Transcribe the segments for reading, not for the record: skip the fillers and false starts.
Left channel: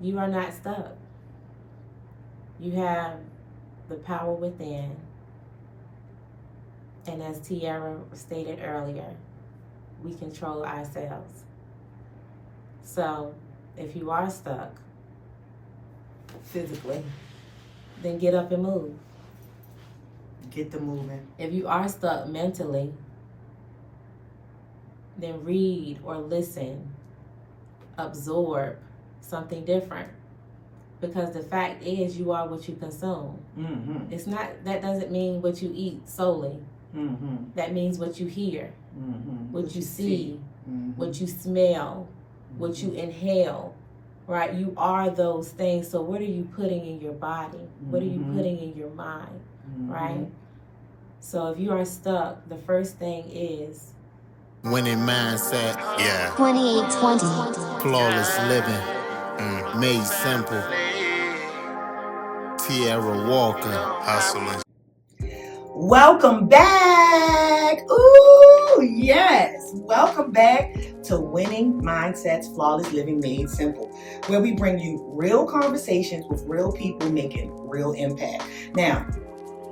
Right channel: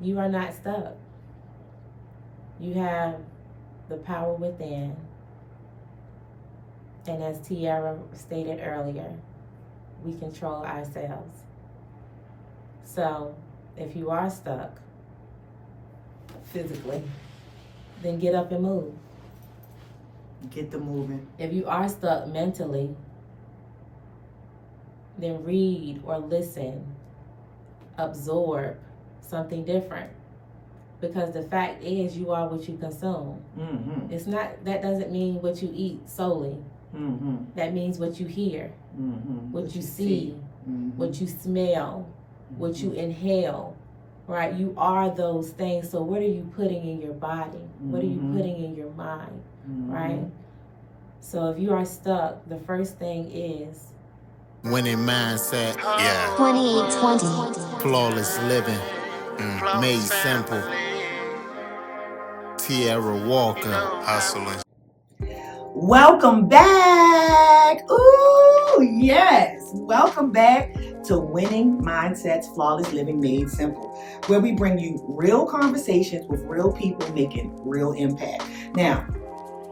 You are not stuck. You have the power within. And as Tiera stated earlier, we control ourselves. So if you are stuck physically, then get up and move. Get the moving. If you are stuck mentally, then read or listen, absorb something different. Because the fact is, you are what you consume. Mm-hmm. It's not, that doesn't mean what you eat solely. Mm-hmm. That means what you hear, Mm-hmm. what you see, mm-hmm. what you smell, what you inhale, right? You are those things. So what are you putting in your body? What are you putting in your mind, right? So if you are stuck, the first thing is winning mindset. Yeah. 2820. Flawless living. Made simple. Tiera Walker. Hustling. Welcome back. Ooh, yes. Welcome back to Winning Mindsets, Flawless Living Made Simple, where we bring you real conversations with real people making real impact. Now,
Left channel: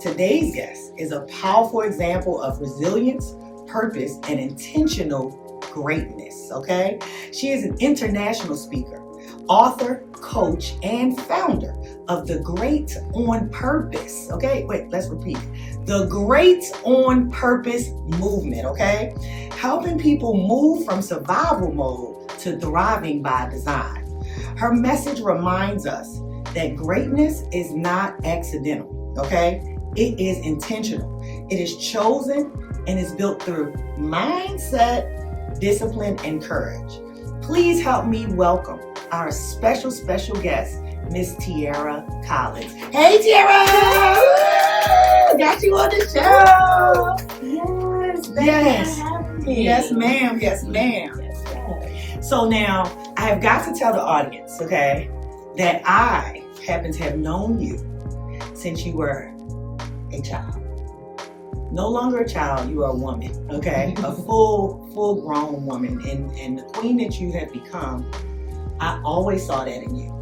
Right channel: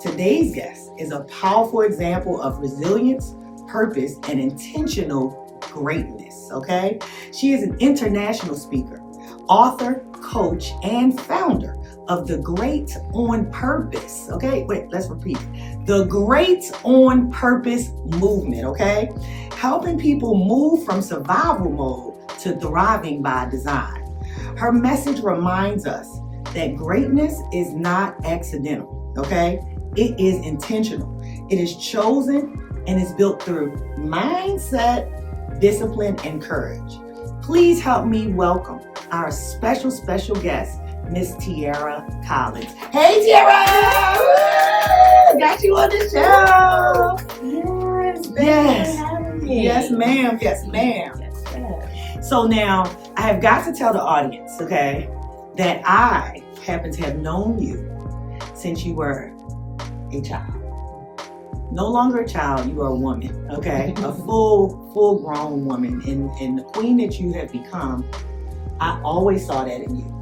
today's guest is a powerful example of resilience, purpose, and intentional greatness, okay? She is an international speaker, author, coach, and founder of the Great on Purpose, okay? Wait, let's repeat it. The Great on Purpose movement, okay? Helping people move from survival mode to thriving by design. Her message reminds us that greatness is not accidental, okay? It is intentional. It is chosen and is built through mindset, discipline, and courage. Please help me welcome our special guest, Miss Tiera Collins. Hey, Tiera! Woo! Got you on the show. yes, Yes. for having me. Yes, ma'am. Yes, ma'am. Yes. So now I have got to tell the audience, okay, that I happen to have known you since you were a child. No longer a child, you are a woman, okay? A full grown woman. And the queen that you have become, I always saw that in you.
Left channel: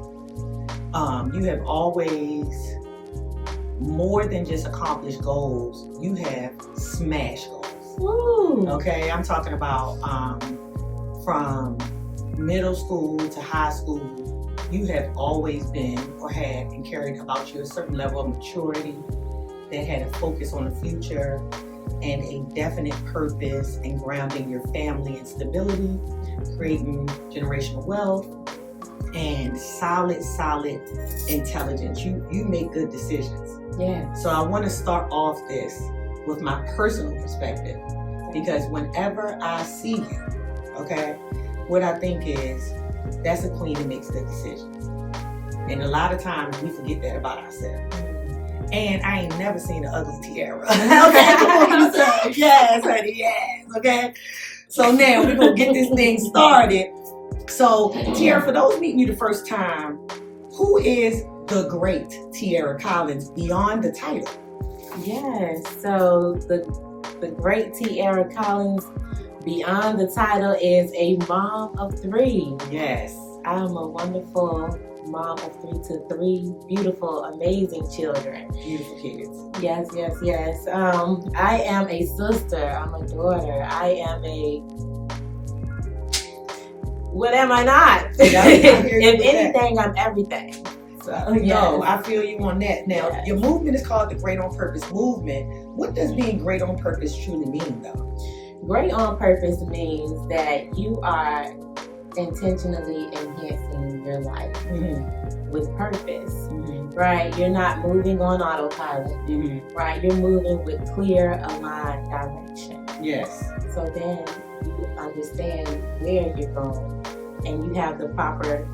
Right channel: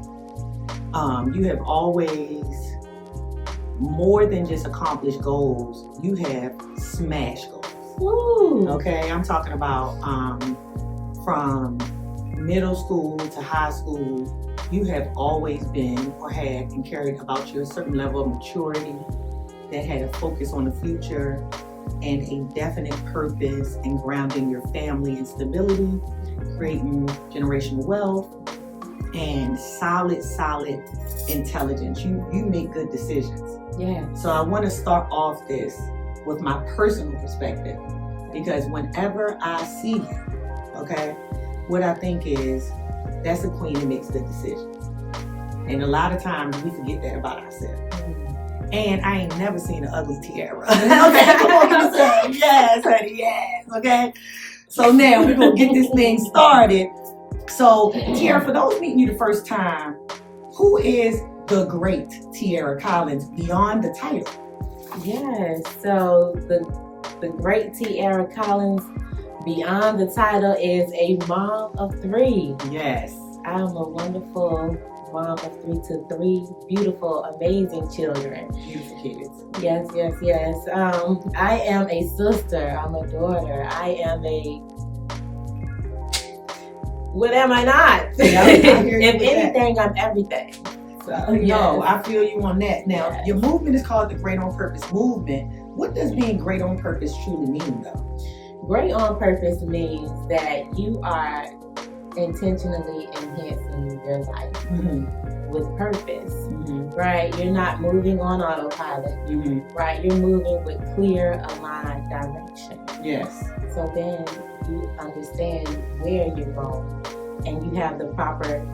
You have always, more than just accomplished goals, you have smashed goals. Woo. Okay, I'm talking about from middle school to high school, you have always been or had and carried about you a certain level of maturity that had a focus on the future and a definite purpose in grounding your family in stability, creating generational wealth, and solid intelligence. You make good decisions. Yeah. So I want to start off this with my personal perspective, because whenever I see you, okay, what I think is that's a queen who makes good decisions. And a lot of times we forget that about ourselves. And I ain't never seen an ugly Tiera. Okay, come on, you say yes, honey, yes. Okay. So now we're gonna get this thing started. So Tiera, for those meeting you the first time, who is the great Tiera Collins beyond the title? Yes. So the great Tiera Collins beyond the title is a mom of 3. Yes. I am a wonderful mom of 3 to 3 beautiful, amazing children. Beautiful kids. Yes. I am a sister. I'm a daughter. I am a. What am I not? Yeah, I hear you If with anything, I'm everything. So yes. No, I feel you on that. Now, Yes. Your movement is called the Great on Purpose movement. What does being great on purpose truly mean, though? Great on purpose means that you are intentionally enhancing your life with purpose, right? You're not moving on autopilot, right? You're moving with clear, aligned direction. Yes. So then you understand where you're going and you have the proper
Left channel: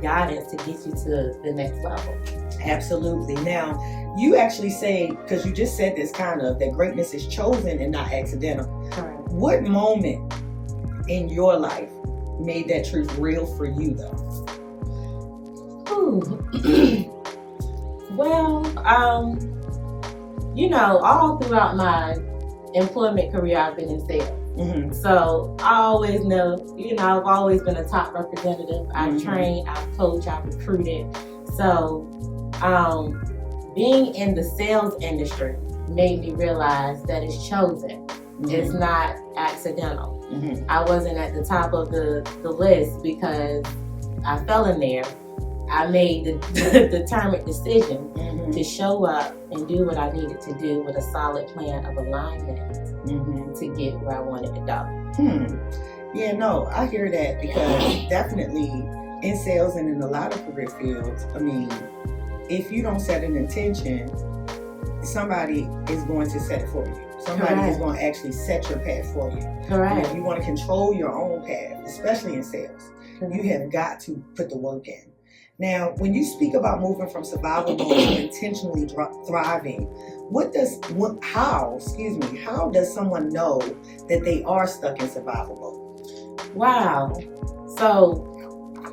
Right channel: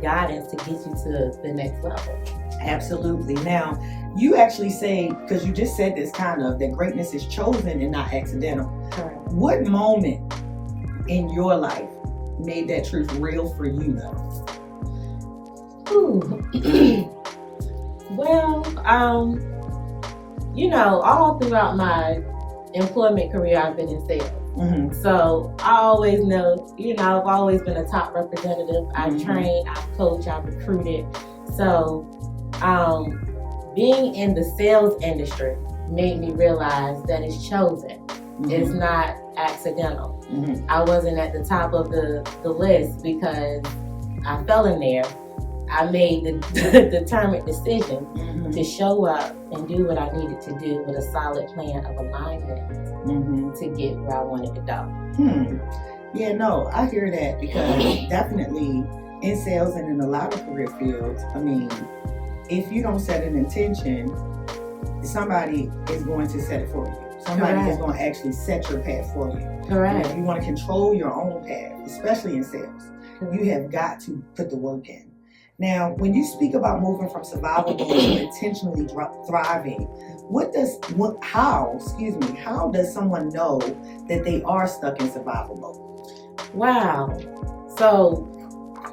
guidance to get you to the next level. Absolutely. Now, you actually say, because you just said this kind of, that greatness is chosen and not accidental. Correct. What moment in your life made that truth real for you, though? Ooh. Well, all throughout my employment career, I've been in sales. Mm-hmm. So I always know, I've always been a top representative. I've trained, I've coached, I've recruited. So being in the sales industry made me realize that it's chosen. It's not accidental. I wasn't at the top of the list because I fell in there. I made the determined decision to show up and do what I needed to do with a solid plan of alignment to get where I wanted to go. Yeah, no, I hear that because definitely in sales and in a lot of career fields, I mean, if you don't set an intention, somebody is going to set it for you. Somebody is going to actually set your path for you. Correct. If you want to control your own path, especially in sales, you have got to put the work in. Now, when you speak about moving from survival mode to intentionally thriving, how does someone know that they are stuck in survival mode? Wow. So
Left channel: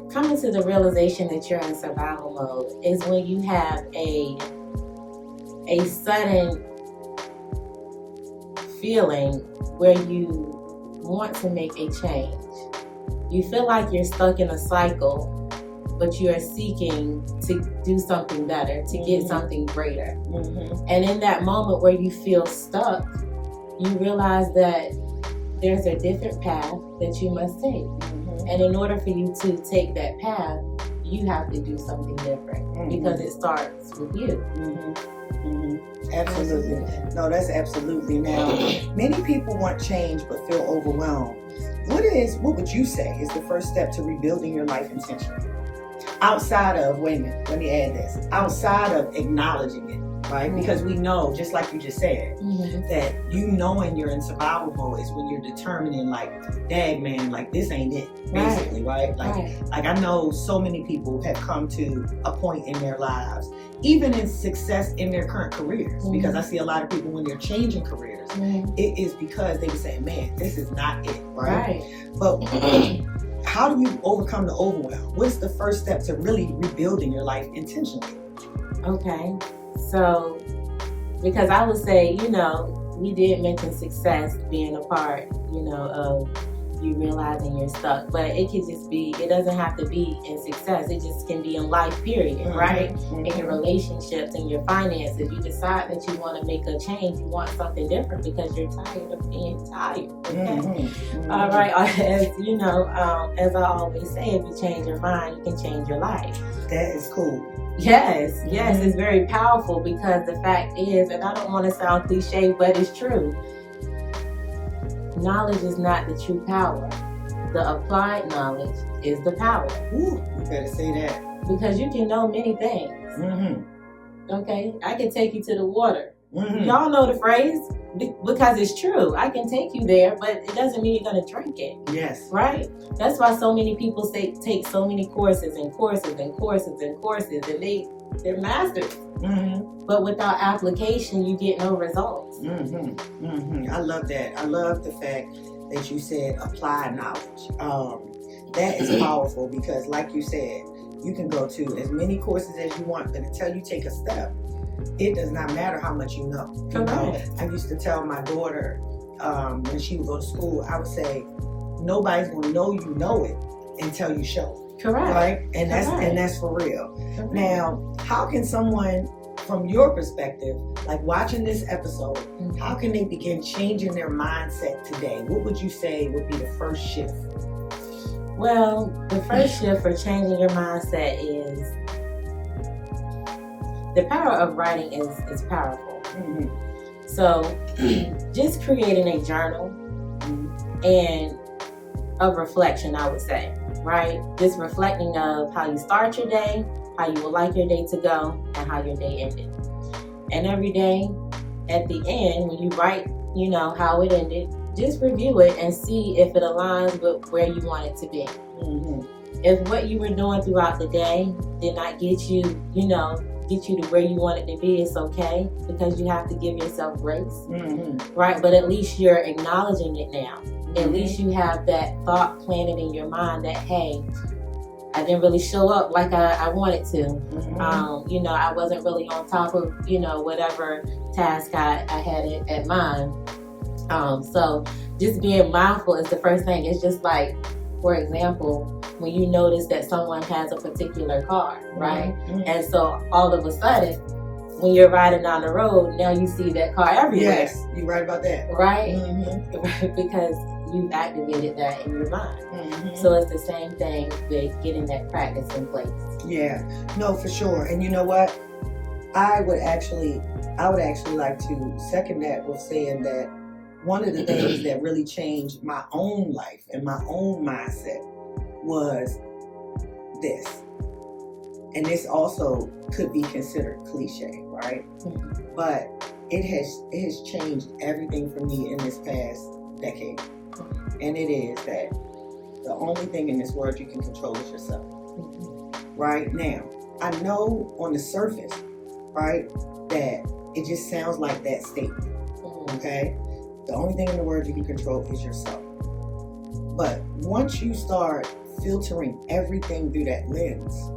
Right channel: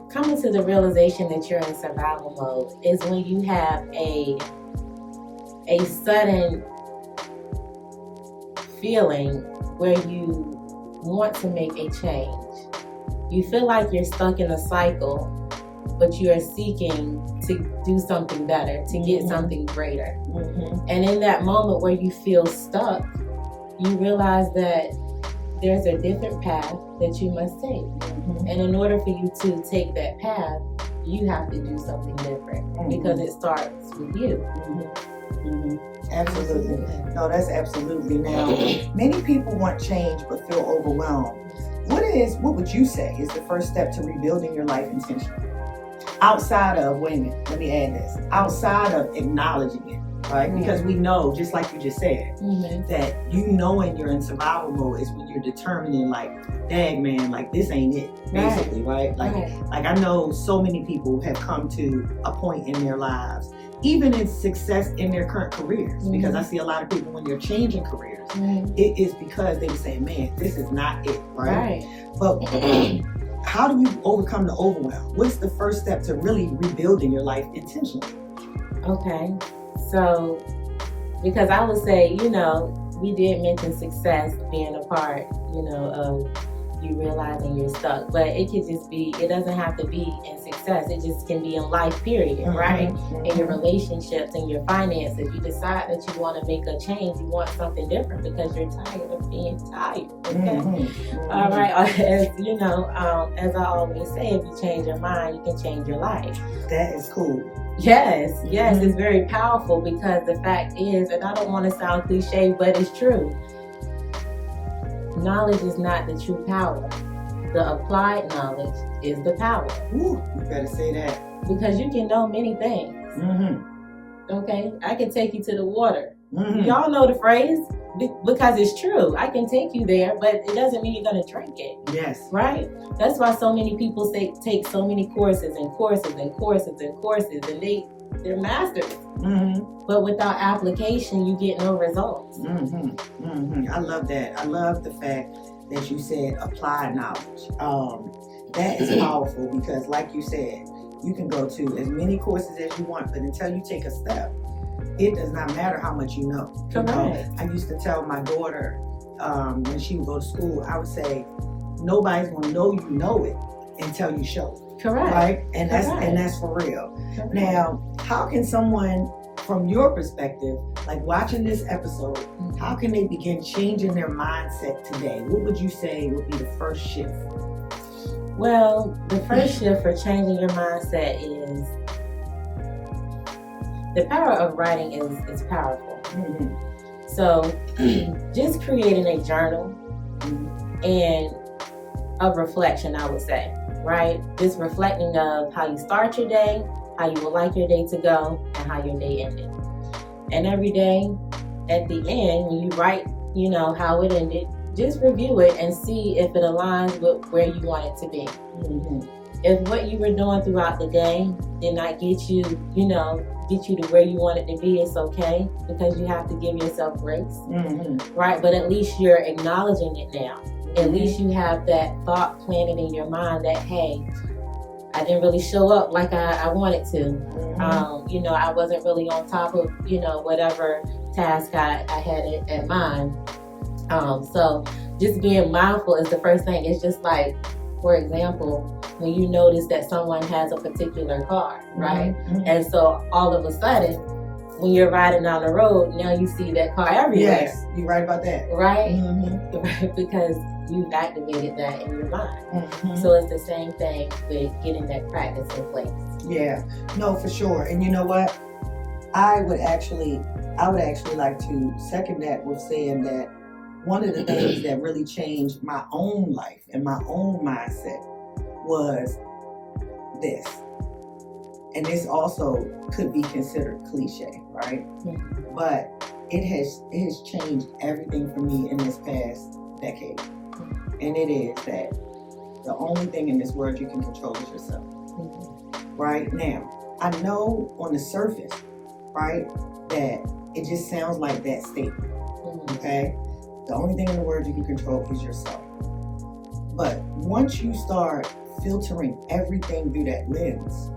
coming to the realization that you're in survival mode is when you have a sudden feeling where you want to make a change. You feel like you're stuck in a cycle, but you are seeking to do something better, to get something greater. And in that moment where you feel stuck, you realize that there's a different path that you must take. And in order for you to take that path, you have to do something different because it starts with you. Absolutely. No, that's absolutely. Now, many people want change but feel overwhelmed. What would you say is the first step to rebuilding your life intentionally? Outside of, let me add this, outside of acknowledging it, right? Because we know, just like you just said, that knowing you're in survival mode is when you're determining, like, dang man, like this ain't it, basically, right? Like I know so many people have come to a point in their lives, even in success in their current careers, because I see a lot of people when they're changing careers, it is because they say, man, this is not it, right? But how do you overcome the overwhelm? What's the first step to really rebuilding your life intentionally? Okay, so because I would say, we did mention success being a part, of you realizing you're stuck, but it could just be, it doesn't have to be in success. It just can be in life, period, right? In your relationships and your finances, you decide that you want to make a change. You want something different because you're tired of being tired. Okay? All right. As I always say, if you change your mind, you can change your life. That is cool. Yes, it's very powerful because the fact is, and I don't want to sound cliche, but it's true. Knowledge is not the true power. The applied knowledge is the power. Ooh, you better say that. Because you can know many things. Okay? I can take you to the water. Y'all know the phrase because it's true. I can take you there, but it doesn't mean you're going to drink it. Yes. Right? That's why so many people take so many courses and courses and courses and courses, and they're masters. But without application, you get no results. I love that. I love the fact that you said applied knowledge. That is powerful because, like you said, you can go to as many courses as you want, but until you take a step, it does not matter how much you know. Correct. I used to tell my daughter when she would go to school, I would say, nobody's going to know you know it until you show it. Correct. Right? And that's for real. Correct. Now, how can someone, from your perspective, like watching this episode, how can they begin changing their mindset today? What would you say would be the first shift? Well, the first shift for changing your mindset is the power of writing is powerful. So just creating a journal and of reflection, I would say, right? Just reflecting of how you start your day, how you would like your day to go, and how your day ended. And every day, at the end, when you write, how it ended, just review it and see if it aligns with where you want it to be. If what you were doing throughout the day did not get you, get you to where you want it to be, it's okay, because you have to give yourself grace, right? But at least you're acknowledging it now. At least you have that thought planted in your mind that, hey, I didn't really show up like I wanted to. I wasn't really on top of, whatever task I had at mind. So just being mindful is the first thing. It's just like, for example, when you notice that someone has a particular car, right? Mhm. And so all of a sudden, when you're riding down the road, now you see that car everywhere. Yes, you're right about that. Right? Mm-hmm. Right, because you've activated that in your mind. Mm-hmm. So it's the same thing with getting that practice in place. Yeah, no, for sure. And you know what? I would actually like to second that with saying that one of the things that really changed my own life and my own mindset was this. And this also could be considered cliche, right? Mm-hmm. But it has changed everything for me in this past decade. And it is that the only thing in this world you can control is yourself. Mm-hmm. Right now, I know on the surface, right, that it just sounds like that statement. Mm-hmm. Okay? The only thing in the world you can control is yourself. But once you start filtering everything through that lens,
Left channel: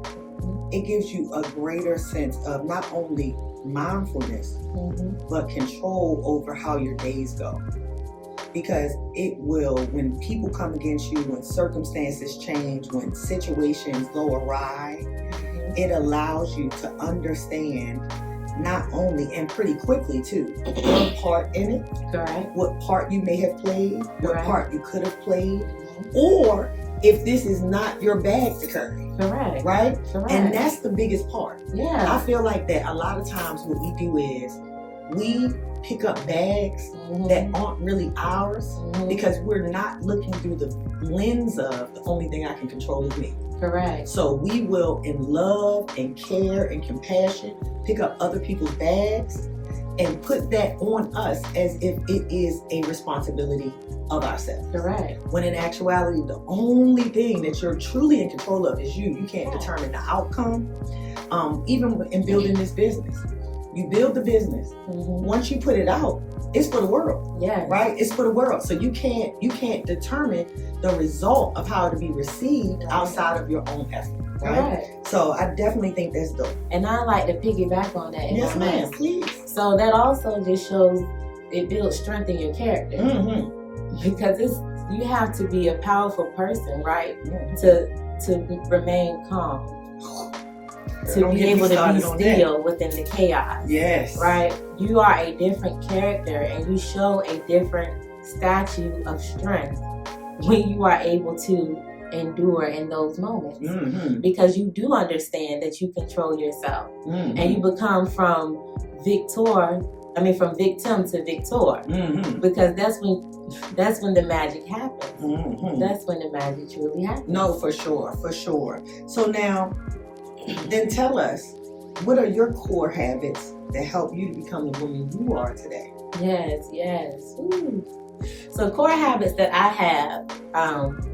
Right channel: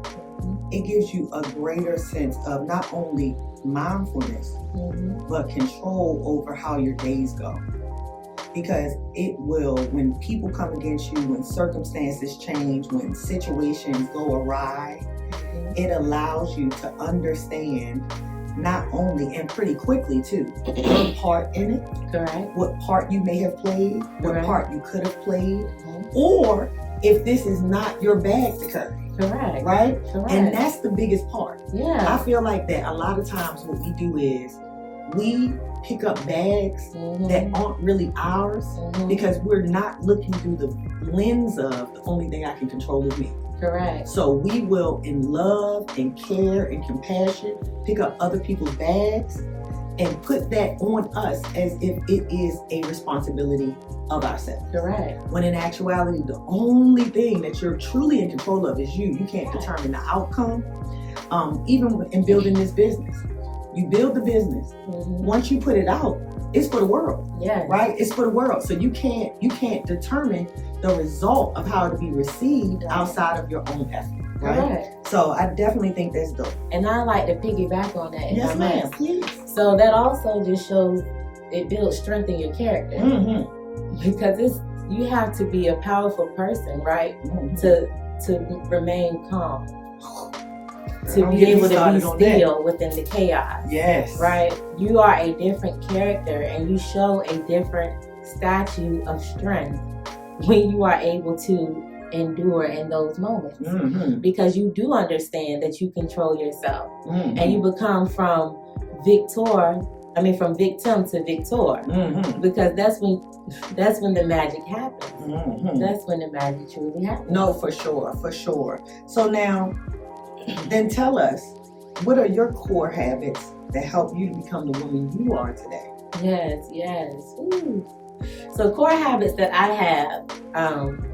it gives you a greater sense of not only mindfulness, but control over how your days go. Because it will, when people come against you, when circumstances change, when situations go awry, it allows you to understand not only, and pretty quickly too, your part in it. Correct. What part you may have played, what Correct. part you could have played, or if this is not your bag to carry. Correct. Right? Correct. And that's the biggest part. Yeah. I feel like that a lot of times what we do is we pick up bags that aren't really ours because we're not looking through the lens of the only thing I can control is me. Correct. So we will, in love and care and compassion, pick up other people's bags and put that on us as if it is a responsibility of ourselves. Correct. When in actuality, the only thing that you're truly in control of is you. You can't determine the outcome. Even in building this business, you build the business. Once you put it out, it's for the world. Yeah. Right? It's for the world. So you can't determine the result of how to be received outside of your own effort. Right? Correct. So I definitely think that's dope. And I like to piggyback on that. Yes, ma'am. Please. So that also just shows it builds strength in your character. Because you have to be a powerful person, right? To remain calm. To be able to be still within the chaos. Yes. Right? You are a different character and you show a different statue of strength when you are able to endure in those moments. Because you do understand that you control yourself. And you become from victim to victor. Because that's when the magic happens. That's when the magic truly happens. No, for sure. So now, then tell us, what are your core habits that help you to become the woman you are today? Yes. Ooh. So core habits that I have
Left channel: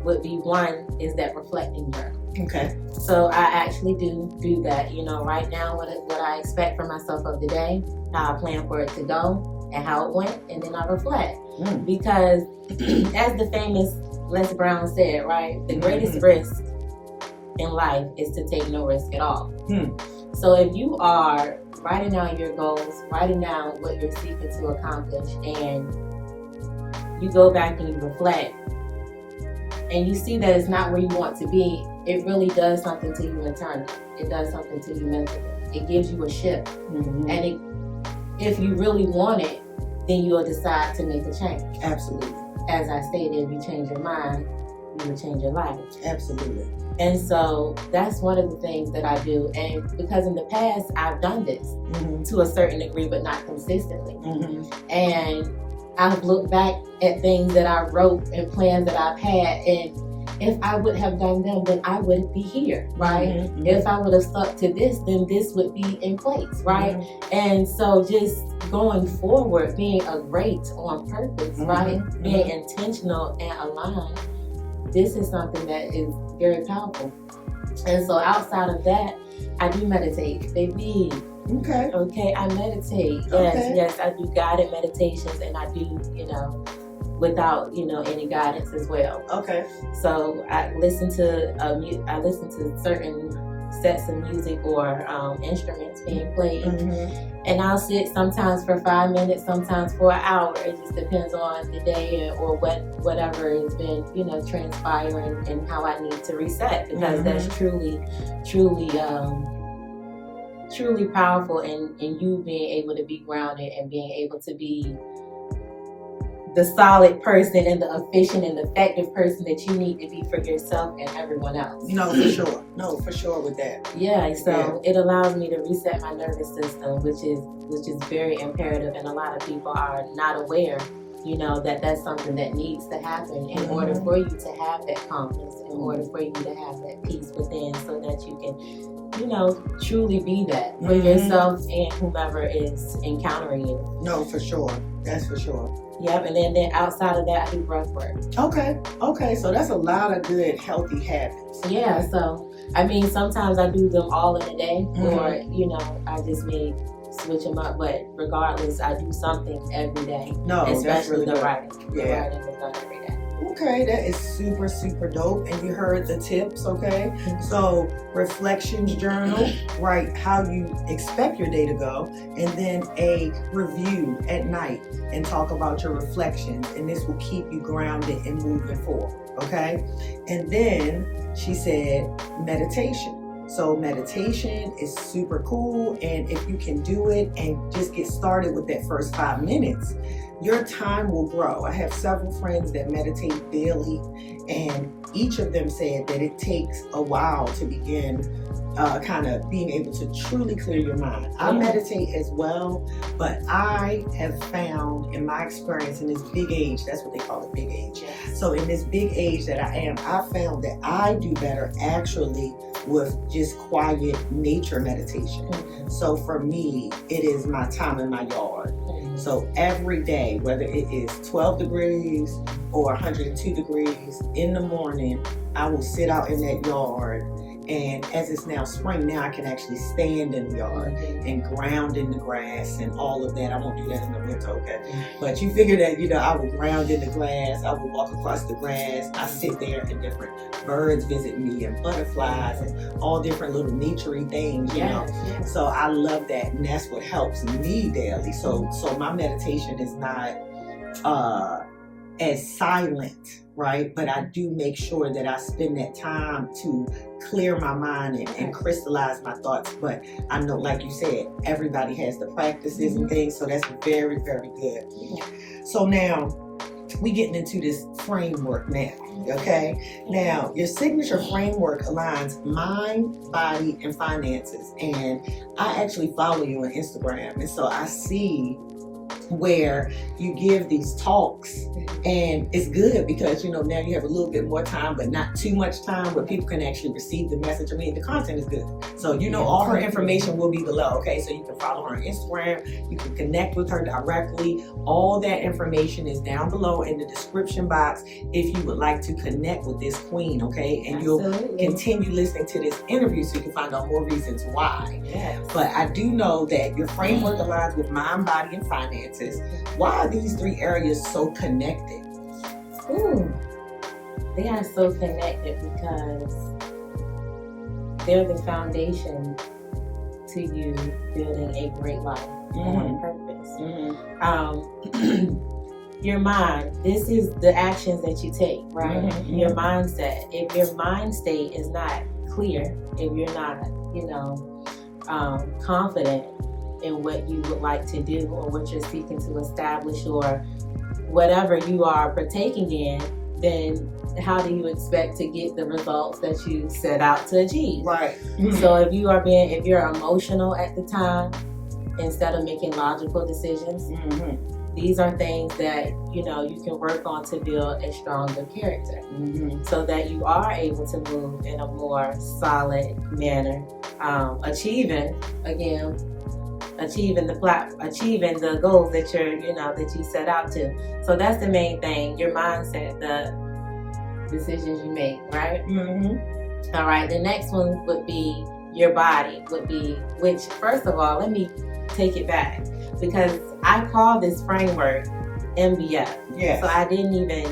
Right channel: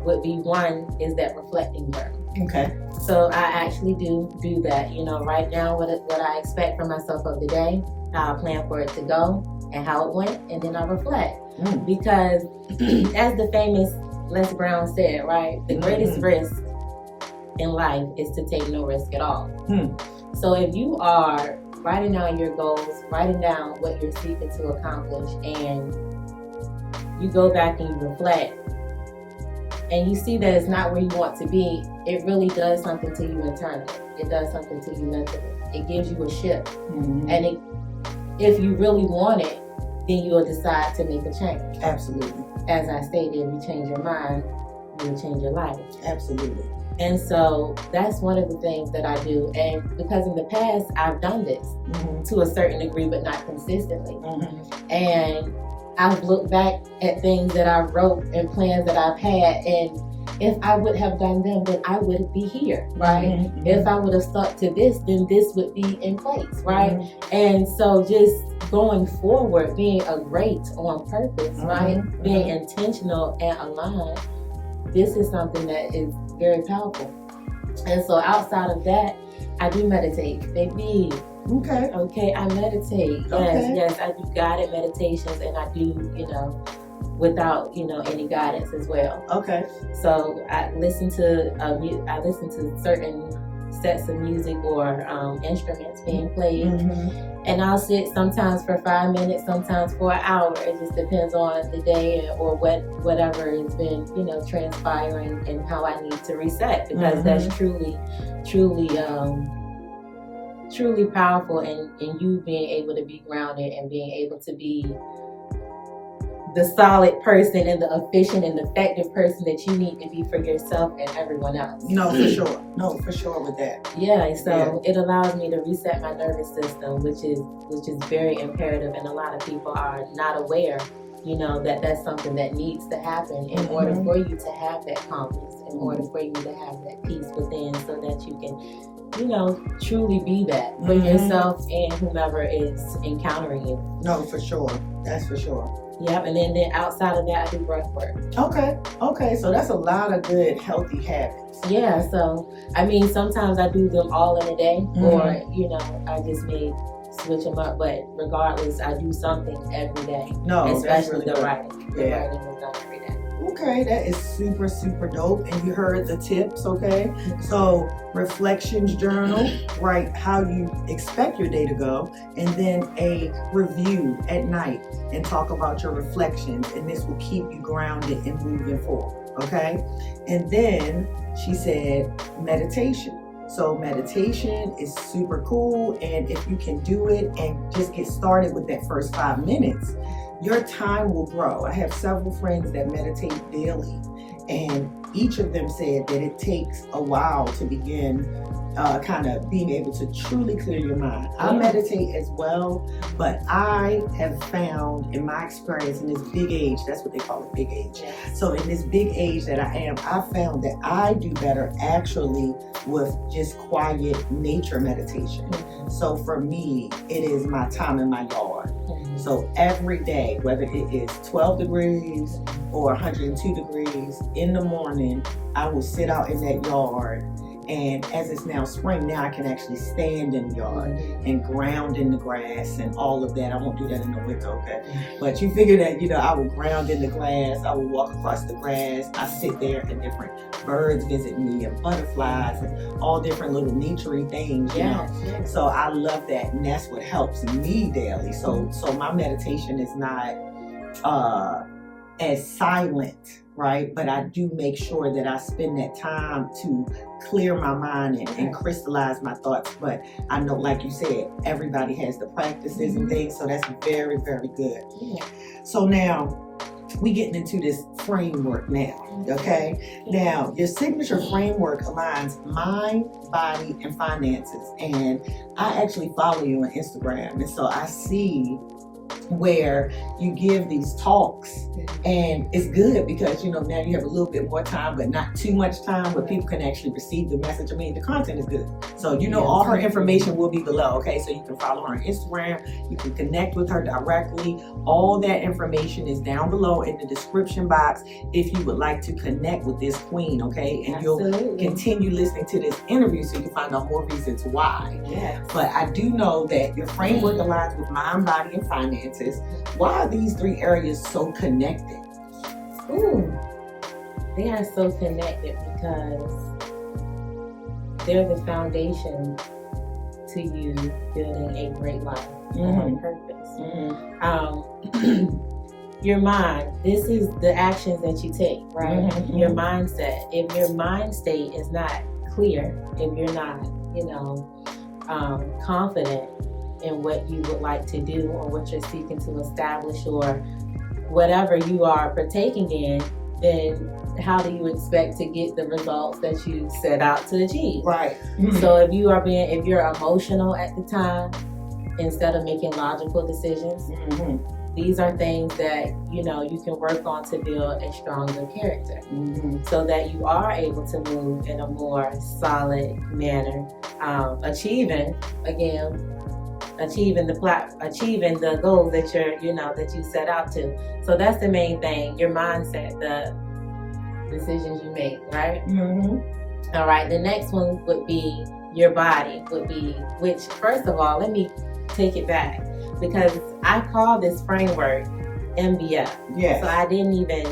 would be, one is that reflecting journal. Okay. So I actually do that. Right now what I expect from myself of the day, how I plan for it to go and how it went, and then I reflect. Because as the famous Les Brown said, right, the greatest risk in life is to take no risk at all. So if you are writing down your goals, writing down what you're seeking to accomplish, and you go back and you reflect, and you see that it's not where you want to be, it really does something to you internally. It does something to you mentally. It gives you a shift. And if you really want it, then you'll decide to make a change. Absolutely. As I stated, if you change your mind, you will change your life. Absolutely. And so that's one of the things that I do. And because in the past, I've done this to a certain degree, but not consistently. And I've looked back at things that I wrote and plans that I've had, and if I would have done them, then I wouldn't be here, right? If I would have stuck to this, then this would be in place, right? And so just going forward, being a great on purpose, right? Being intentional and aligned, this is something that is very powerful. And so outside of that, I do meditate, baby. Okay, I meditate. Yes, I do guided meditations, and I do, without, any guidance as well. Okay. So I listen to certain sets of music or instruments being played. Mm-hmm. And I'll sit sometimes for 5 minutes, sometimes for an hour. It just depends on the day or whatever has been, transpiring and how I need to reset, because that's truly powerful in you being able to be grounded and being able to be the solid person and the efficient and effective person that you need to be for yourself and everyone else. No, for sure. No, for sure with that. Yeah, so it allows me to reset my nervous system, which is very imperative, and a lot of people are not aware, that that's something that needs to happen in order for you to have that calmness, in order for you to have that peace within, so that you can, truly be that for yourself and whomever is encountering you. No, for sure. That's for sure. Yep, and then outside of that, I do breath work. Okay, so that's a lot of good, healthy habits. Yeah, so, sometimes I do them all in a day, or, I just may switch them up, but regardless, I do something every day. No, especially that's really the good. writing. The Yeah. writing is done every day. Okay, that is super, super dope. And you heard the tips, okay? So, reflections journal, write how you expect your day to go, and then a review at night and talk about your reflections. And this will keep you grounded and moving forward, okay? And then she said meditation. So meditation is super cool, and if you can do it and just get started with that first 5 minutes, your time will grow. I have several friends that meditate daily, and each of them said that it takes a while to begin kind of being able to truly clear your mind. I meditate as well, but I have found in my experience in this big age, that's what they call it, big age. So in this big age that I am, I found that I do better actually with just quiet nature meditation. So for me, it is my time in my yard. So every day, whether it is 12 degrees or 102 degrees in the morning, I will sit out in that yard. And as it's now spring, now I can actually stand in the yard and ground in the grass and all of that. I won't do that in the winter, okay? But you figure that, I will ground in the grass. I will walk across the grass. I sit there and different birds visit me and butterflies and all different little nature-y things, you know? So I love that, and that's what helps me daily. So my meditation is not as silent, right? But I do make sure that I spend that time to clear my mind and crystallize my thoughts. But I know, like you said, everybody has the practices and things, so that's very, very good. So now we getting into this framework now, okay? Now, your signature framework aligns mind, body, and finances. And I actually follow you on Instagram, and so I see where you give these talks, and it's good because now you have a little bit more time, but not too much time, but people can actually receive the message. The content is good. So all her information will be below, okay? So you can follow her on Instagram, you can connect with her directly. All that information is down below in the description box if you would like to connect with this queen, okay? And you'll continue listening to this interview so you can find out more reasons why. But I do know that your framework aligns with mind, body, and finances. Why are these 3 areas so connected? They are so connected because they're the foundation to you building a great life on purpose. Your mind, this is the actions that you take, right? Your mindset. If your mind state is not clear, if you're not, confident in what you would like to do or what you're seeking to establish or whatever you are partaking in, then how do you expect to get the results that you set out to achieve? Right. So if you're emotional at the time, instead of making logical decisions, these are things that, you can work on to build a stronger character so that you are able to move in a more solid manner, achieving the goals that that you set out to. So that's the main thing, your mindset, the decisions you make, right? All right, the next one would be your body, which first of all, let me take it back because I call this framework MBF. So I didn't even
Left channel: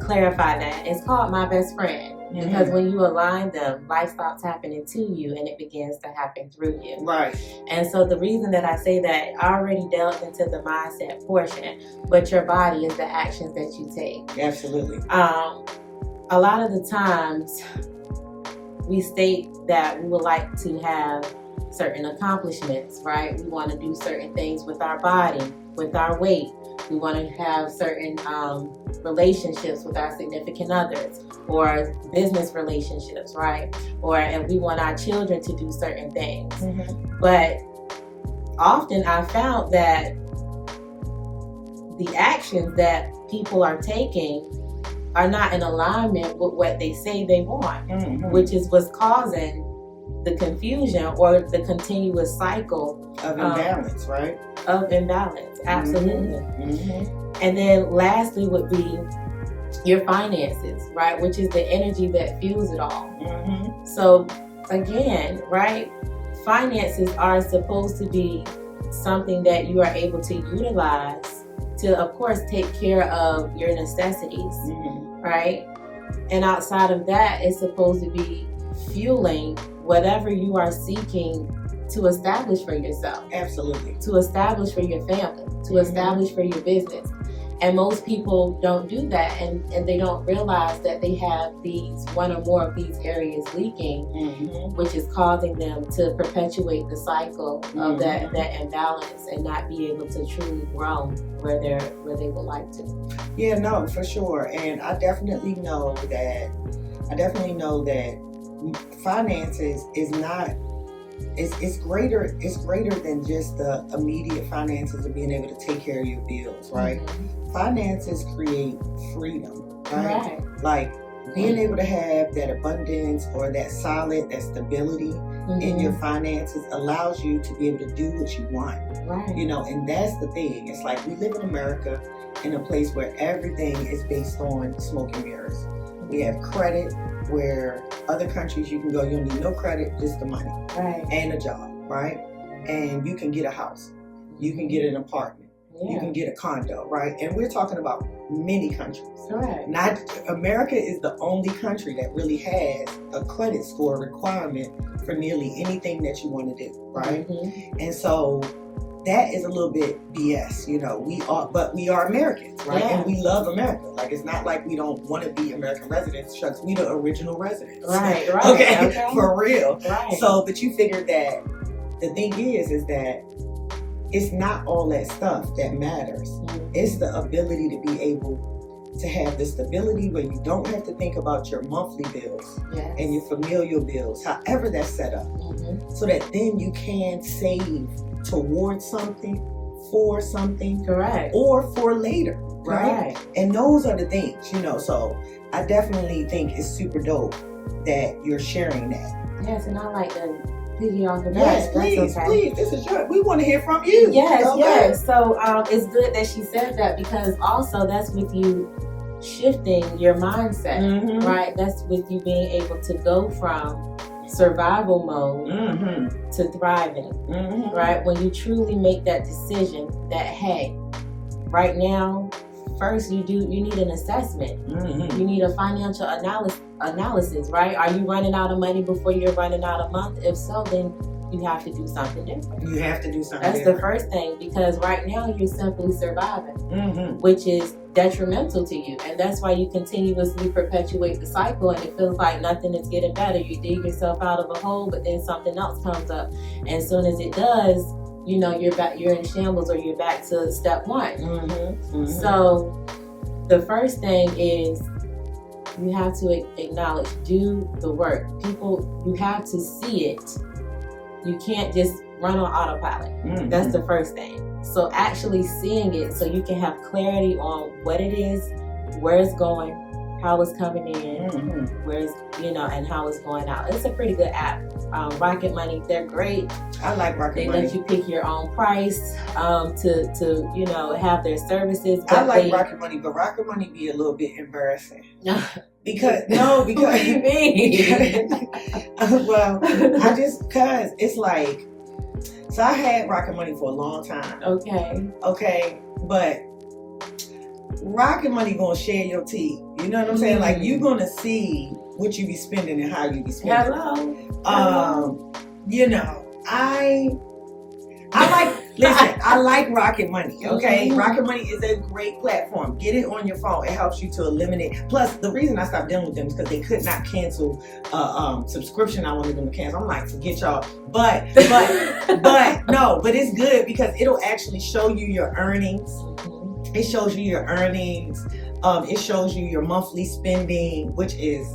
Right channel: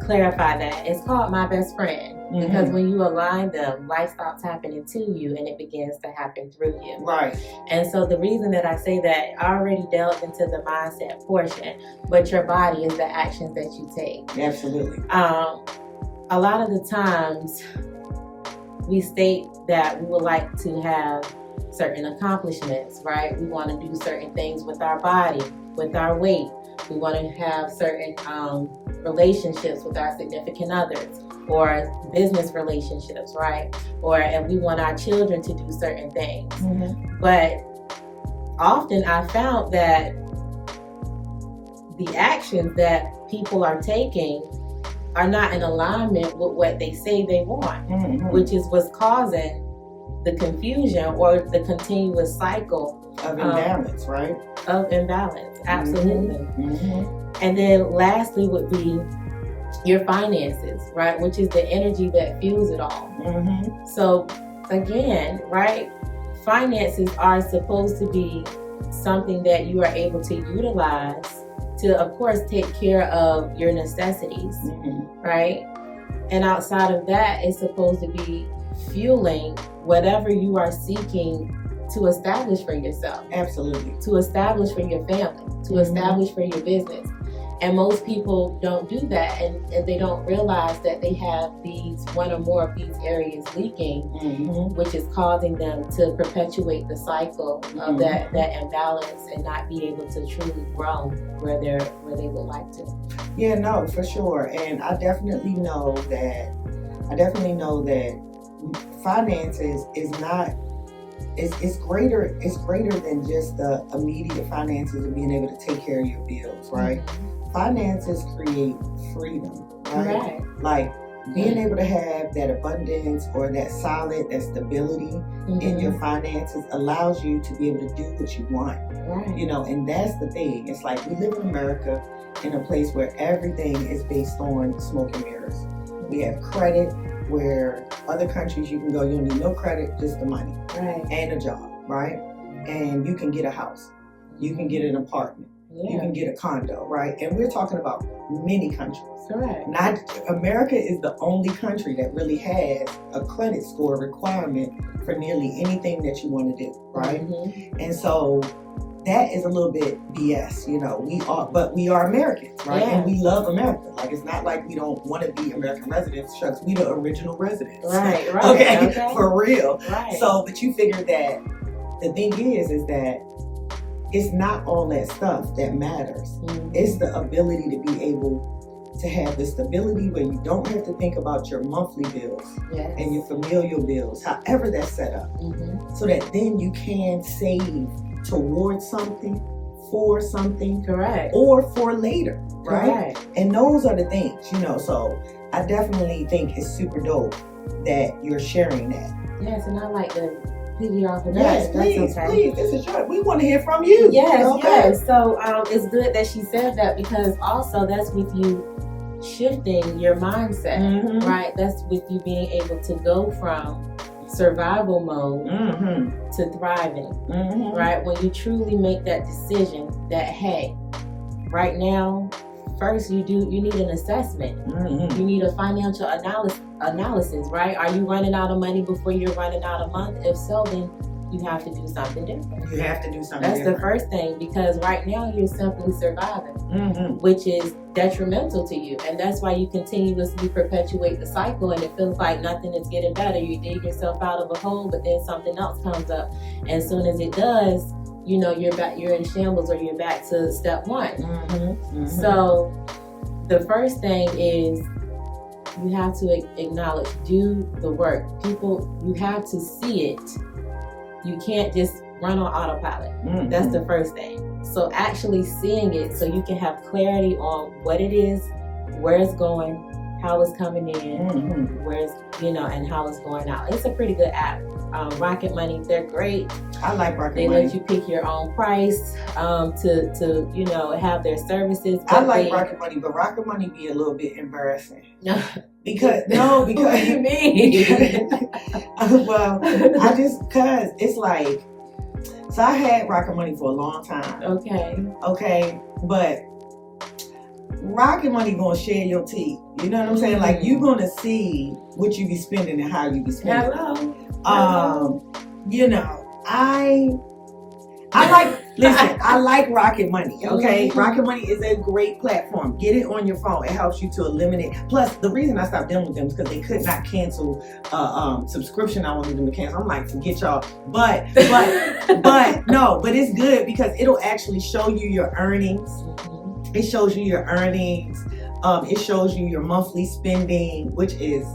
clarify that. It's called My Best Friend. Because when you align them, life stops happening to you and it begins to happen through you. Right. And so the reason that I say that, I already delved into the mindset portion, but your body is the actions that you take. Absolutely. A lot of the times we state that we would like to have certain accomplishments, right? We want to do certain things with our body, with our weight. We want to have certain relationships with our significant others or business relationships, right? And we want our children to do certain things. But often I found that the actions that people are taking are not in alignment with what they say they want, which is what's causing the confusion or the continuous cycle of imbalance, right? Of imbalance, absolutely. And then lastly would be your finances, right? Which is the energy that fuels it all. So again, right? Finances are supposed to be something that you are able to utilize to, of course, take care of your necessities, right? And outside of that, it's supposed to be fueling whatever you are seeking to establish for yourself. Absolutely. To establish for your family, to establish for your business. And most people don't do that, and they don't realize that they have these one or more of these areas leaking, which is causing them to perpetuate the cycle of that imbalance and not be able to truly grow where they would like to. Yeah, no, for sure. And I definitely know that finances is not, it's greater than just the immediate finances and being able to take care of your bills, right? Finances create freedom, right? Like being able to have that abundance or that stability in your finances allows you to be able to do what you want. Right. You know, and that's the thing. It's like we live in America in a place where everything is based on smoke and mirrors. We have credit, where other countries you can go, you don't need no credit, just the money. Right. And a job, right? And you can get a house. You can get an apartment. Yeah. You can get a condo, right? And we're talking about many countries. Correct. Not America is the only country that really has a credit score requirement for nearly anything that you want to do, right? And so that is a little bit BS, you know. We are Americans, right? Yeah. And we love America. Like, it's not like we don't want to be American residents. Shucks, we the original residents. Right. Okay, for real. Right. So, but you figure that the thing is that it's not all that stuff that matters. It's the ability to be able to have the stability where you don't have to think about your monthly bills and your familial bills, however that's set up, so that then you can save towards something, for something, correct, or for later, right? Correct. And those are the things, you know. So I definitely think it's super dope that you're sharing that. Yes, and I like to piggy off of that. Yes, please, that's okay. please. This is we want to hear from you. Yes, okay? yes. So it's good that she said that, because also that's with you shifting your mindset, right? That's with you being able to go from survival mode to thriving, right? When you truly make that decision that, hey, right now, first you need an assessment. You need a financial analysis, right? Are you running out of money before you're running out of month? If so, then you have to do something different. You have to do something That's different. the first thing, because right now you're simply surviving, which is detrimental to you. And that's why you continuously perpetuate the cycle, and it feels like nothing is getting better. You dig yourself out of a hole, but then something else comes up. And as soon as it does, you know, you're in shambles, or you're back to step one. So the first thing is you have to acknowledge, do the work. People, you have to see it. You can't just run on autopilot. That's the first thing. So actually seeing it, so you can have clarity on what it is, where it's going, how it's coming in, where's, you know, and how it's going out. It's a pretty good app. Rocket Money, they're great. I like Rocket They Money. let you pick your own price to you know, have their services. I like Rocket Money, but Rocket Money be a little bit embarrassing. Because what do you mean? well, cause it's like, so I had Rocket Money for a long time. Okay, but Rocket Money gonna share your tea. You know what I'm saying? Like, you gonna see what you be spending and how you be spending. Hello. You know, I like Rocket Money, okay? Mm-hmm. Rocket Money is a great platform. Get it on your phone. It helps you to eliminate. Plus, the reason I stopped dealing with them is because they could not cancel subscription I wanted them to cancel. I'm like, forget y'all. But it's good because it'll actually show you your earnings. Mm-hmm. It shows you your earnings. It shows you your monthly spending, which is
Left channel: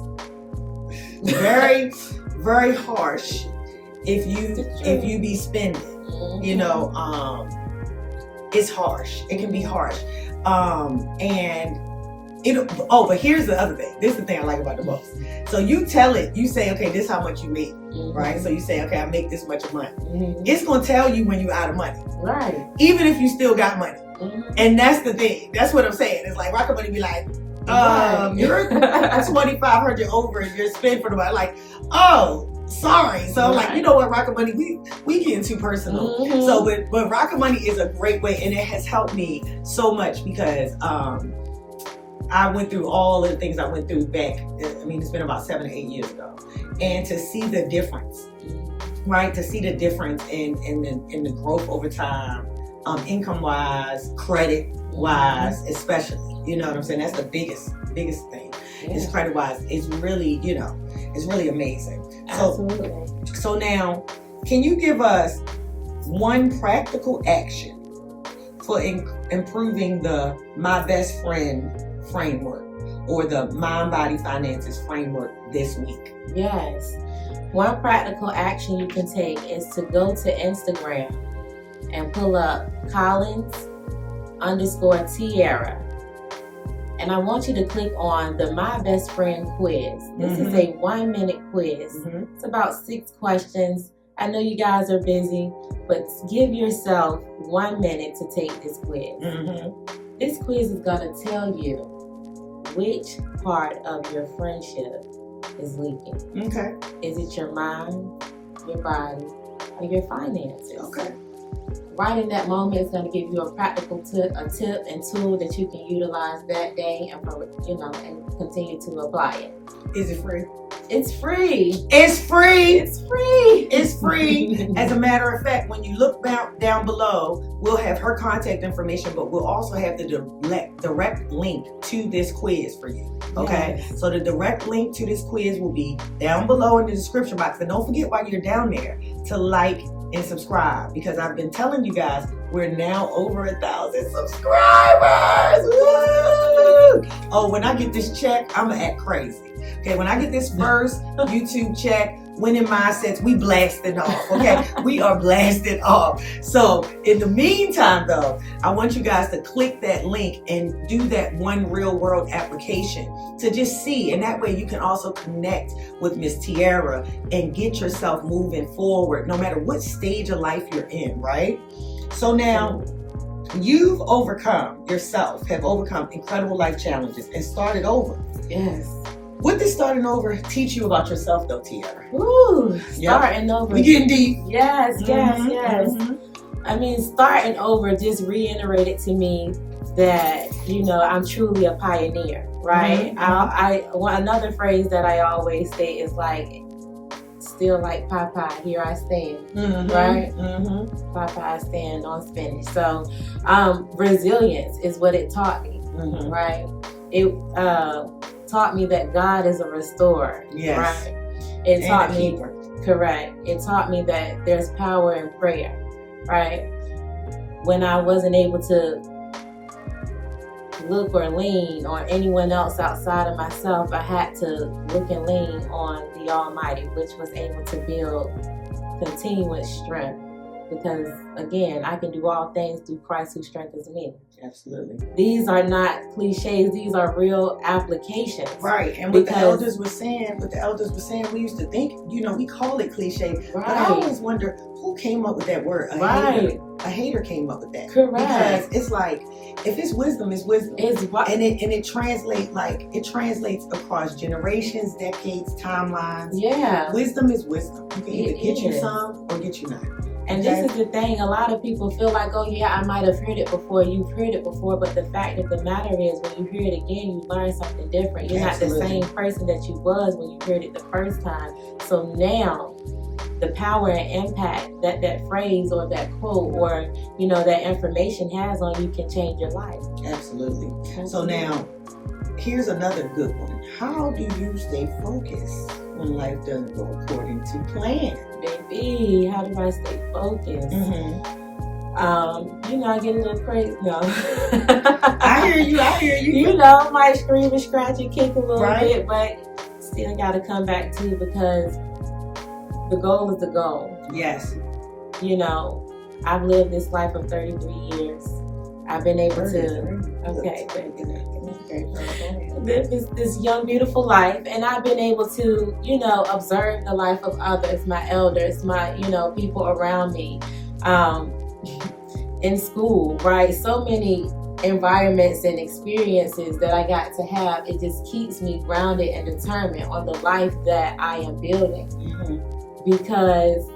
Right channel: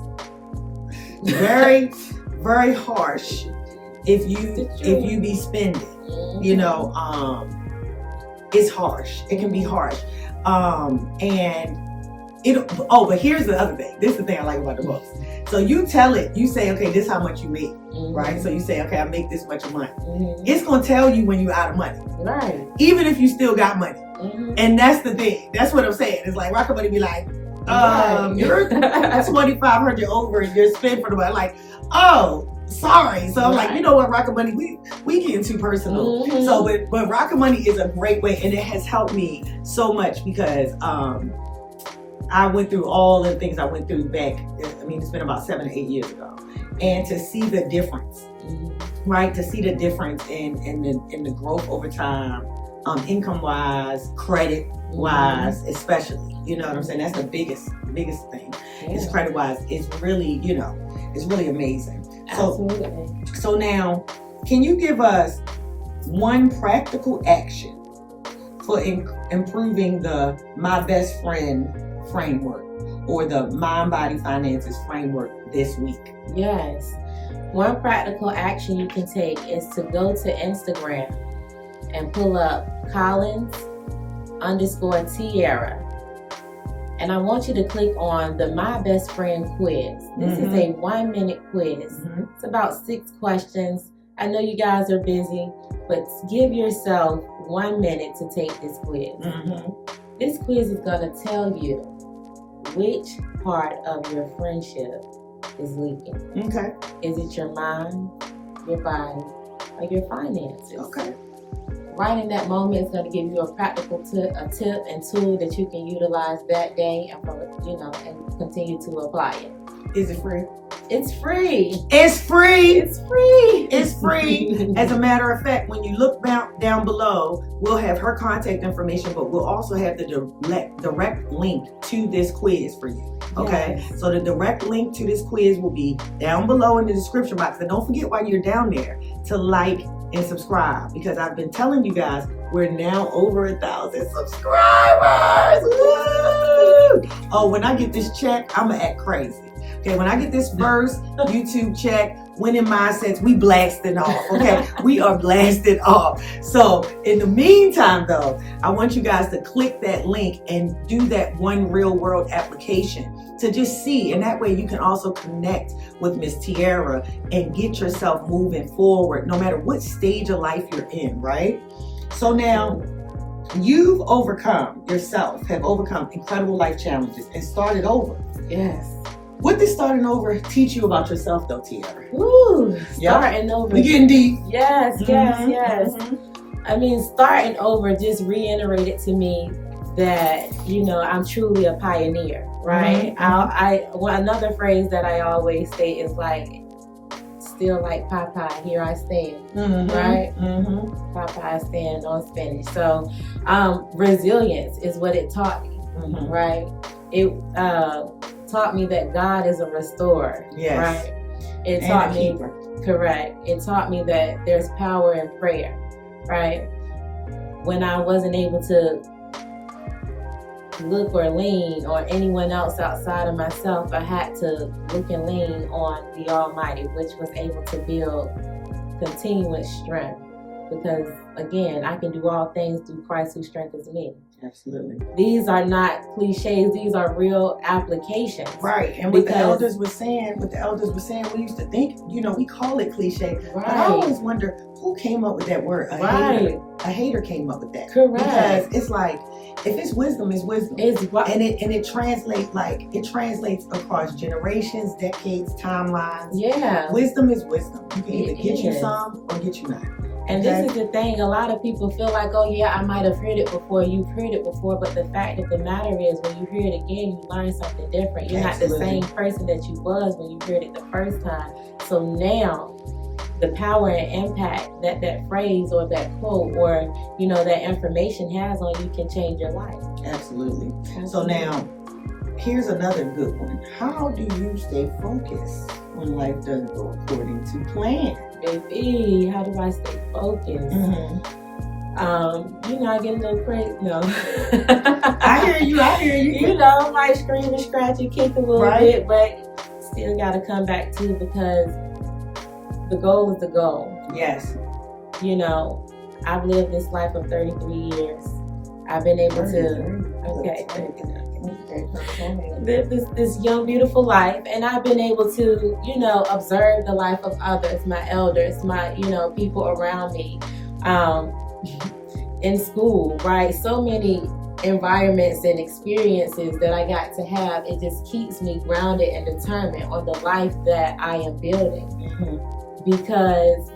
very, very harsh if you be spending. You know, it's harsh. It can be harsh. And but here's the other thing. This is the thing I like about the most. So you tell it, you say, okay, this is how much you make, right? So you say, okay, I make this much a month. It's going to tell you when you're out of money. Right. Even if you still got money. And that's the thing. That's what I'm saying. It's like Rocket Money be like, you're 2,500 over and you're spent for the month. Like, oh, sorry. So I'm like, you know what, Rocket Money, we getting too personal. So, but Rocket Money is a great way, and it has helped me so much because I went through all the things I went through back. I mean, it's been about 7 or 8 years ago, and to see the difference, right? To see the difference in the growth over time, income wise, credit wise, especially. You know what I'm saying? That's the biggest thing. Is credit wise. It's really, it's really amazing. Absolutely. So now, can you give us one practical action for improving the My Best Friend framework or the Mind Body Finances framework this week? Yes. One practical action you can take is to go to Instagram and pull up Collins_Tiera. And I want you to click on the My Best Friend quiz. This is a 1-minute quiz. It's about 6 questions. I know you guys are busy, but give yourself 1 minute to take this quiz. This quiz is going to tell you which part of your friendship is leaking. Okay. Is it your mind, your body, or your finances? Okay. Right in that moment, it's going to give you a practical tip and tool that you can utilize that day and continue to apply it. Is it free? It's free. It's free. It's free. It's free. As a matter of fact, when you look down below, we'll have her contact information, but we'll also have the direct link to this quiz for you. Okay? Yes. So the direct link to this quiz will be down below in the description box. And don't forget while you're down there to like and subscribe, because I've been telling you guys we're now over 1,000 subscribers. Woo! Oh, when I get this check, I'm gonna act crazy. Okay, when I get this first YouTube check, Winning Mindsets, we blasted off. Okay, we are blasted off. So in the meantime, though, I want you guys to click that link and do that one real world application to just see, and that way you can also connect with Miss Tiera and get yourself moving forward, no matter what stage of life you're in, right? So now you've have overcome incredible life challenges and started over. Yes. What did starting over teach you about yourself, though, Tiera? Ooh, starting over. We getting deep. Yes. I mean, starting over just reiterated to me that, I'm truly a pioneer, right? Another phrase that I always say is like, still like Popeye, here I stand, right? Popeye, I stand on spinach. So resilience is what it taught me, right? It taught me that God is a restorer, right? It taught me, correct. It taught me that there's power in prayer, right? When I wasn't able to look or lean on anyone else outside of myself, I had to look and lean on the Almighty, which was able to build continuous strength. Because again, I can do all things through Christ who strengthens me. Absolutely. These are not cliches, these are real applications. Right. And what the elders were saying, we used to think, we call it cliche. Right. But I always wonder who came up with that word. A hater came up with that. Correct. Because it's like, if it's wisdom, it's wisdom. And it translates across generations, decades, timelines. Yeah. Wisdom is wisdom. You can either get you some or get you none. And this is the thing, a lot of people feel like, oh yeah, I might have heard it before, you've heard it before, but the fact of the matter is when you hear it again, you learn something different. You're Absolutely. not the same person that you was when you heard it the first time. So now, the power and impact that that phrase or that quote or, you know, that information has on you can change your life. Absolutely. So now, here's another good one. How do you stay focused when life doesn't go according to plan? Baby, how do I stay focused? Mm-hmm. You know, I get a little crazy. No. I hear you. You know, I might scream and scratch and kick a little Right. bit, but still got to come back to because the goal is the goal. Yes. You know, I've lived this life of 33 years. I've been able to, live this young, beautiful life, and I've been able to, you know, observe the life of others, my elders, my, you know, people around me, in school, right? So many environments and experiences that I got to have. It just keeps me grounded and determined on the life that I am building. Mm-hmm. Because,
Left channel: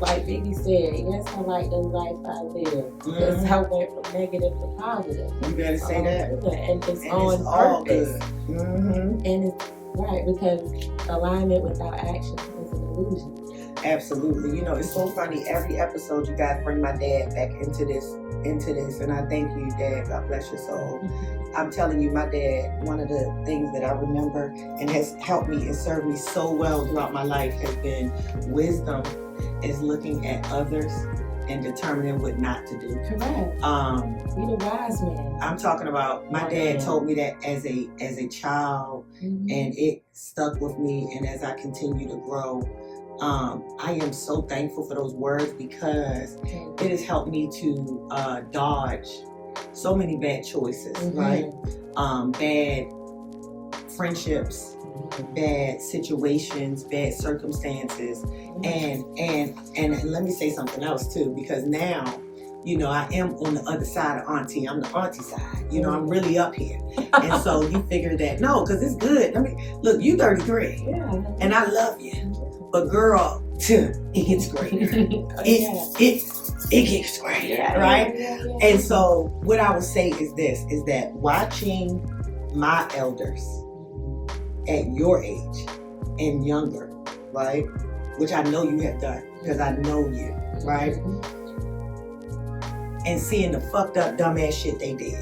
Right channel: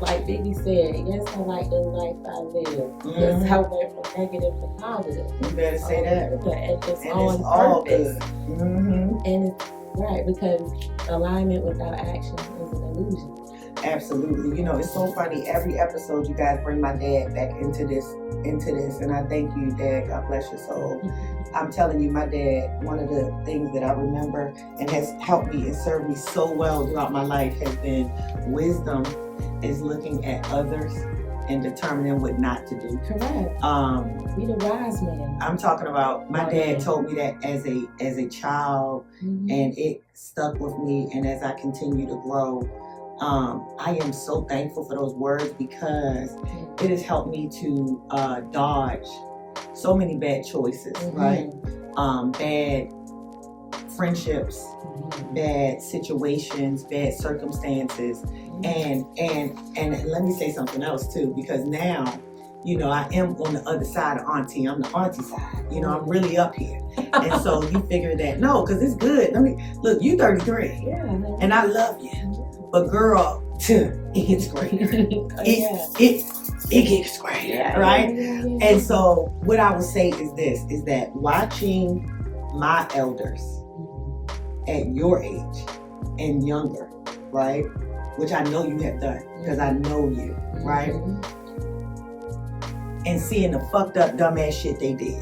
like Biggie said, yes, I like the life I live. Because I went from negative to positive. You better say that. And it's And on it's all purpose. good. Mm-hmm. And it's right, because alignment without action is an illusion. Absolutely. You know, it's so funny. Every episode, you guys bring my dad back into this, and I thank you, Dad. God bless your soul. I'm telling you, my dad, one of the things that I remember and has helped me and served me so well throughout my life has been wisdom is looking at others and determining what not to do. Correct. Be the wise man. I'm talking about my dad told me that as a child, and it stuck with me. And as I continue to grow, I am so thankful for those words because it has helped me to dodge so many bad choices, right? Bad friendships, bad situations, bad circumstances, and let me say something else too, because now, you know, I am on the other side of auntie. I'm the auntie side. You know, I'm really up here, and so you figure that no, because it's good. Look, you 33, and I love you. But girl, it gets greater. It gets greater, right? And so what I would say is this, is that watching my elders at your age and younger, right? Which I know you have done, because I know you, right? And seeing the fucked up dumbass shit they did,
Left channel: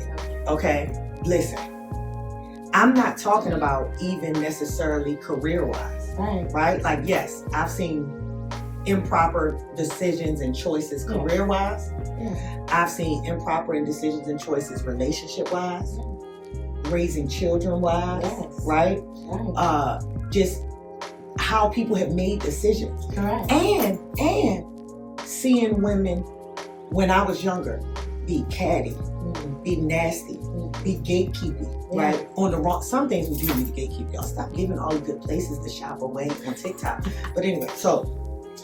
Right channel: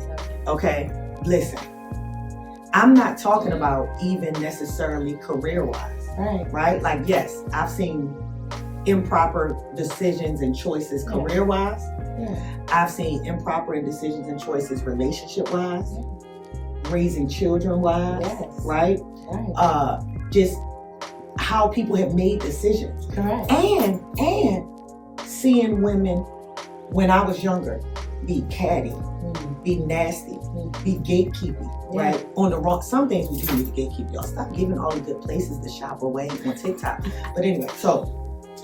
okay? Listen, I'm not talking about even necessarily career-wise. Right? Like, yes, I've seen improper decisions and choices career-wise. I've seen improper decisions and choices relationship-wise, raising children-wise, right? Just how people have made decisions. And seeing women when I was younger be catty, be nasty, be gatekeeping, right? On the wrong, some things we do need to gatekeep. Y'all stop giving all the good places to shop away on TikTok. But anyway, so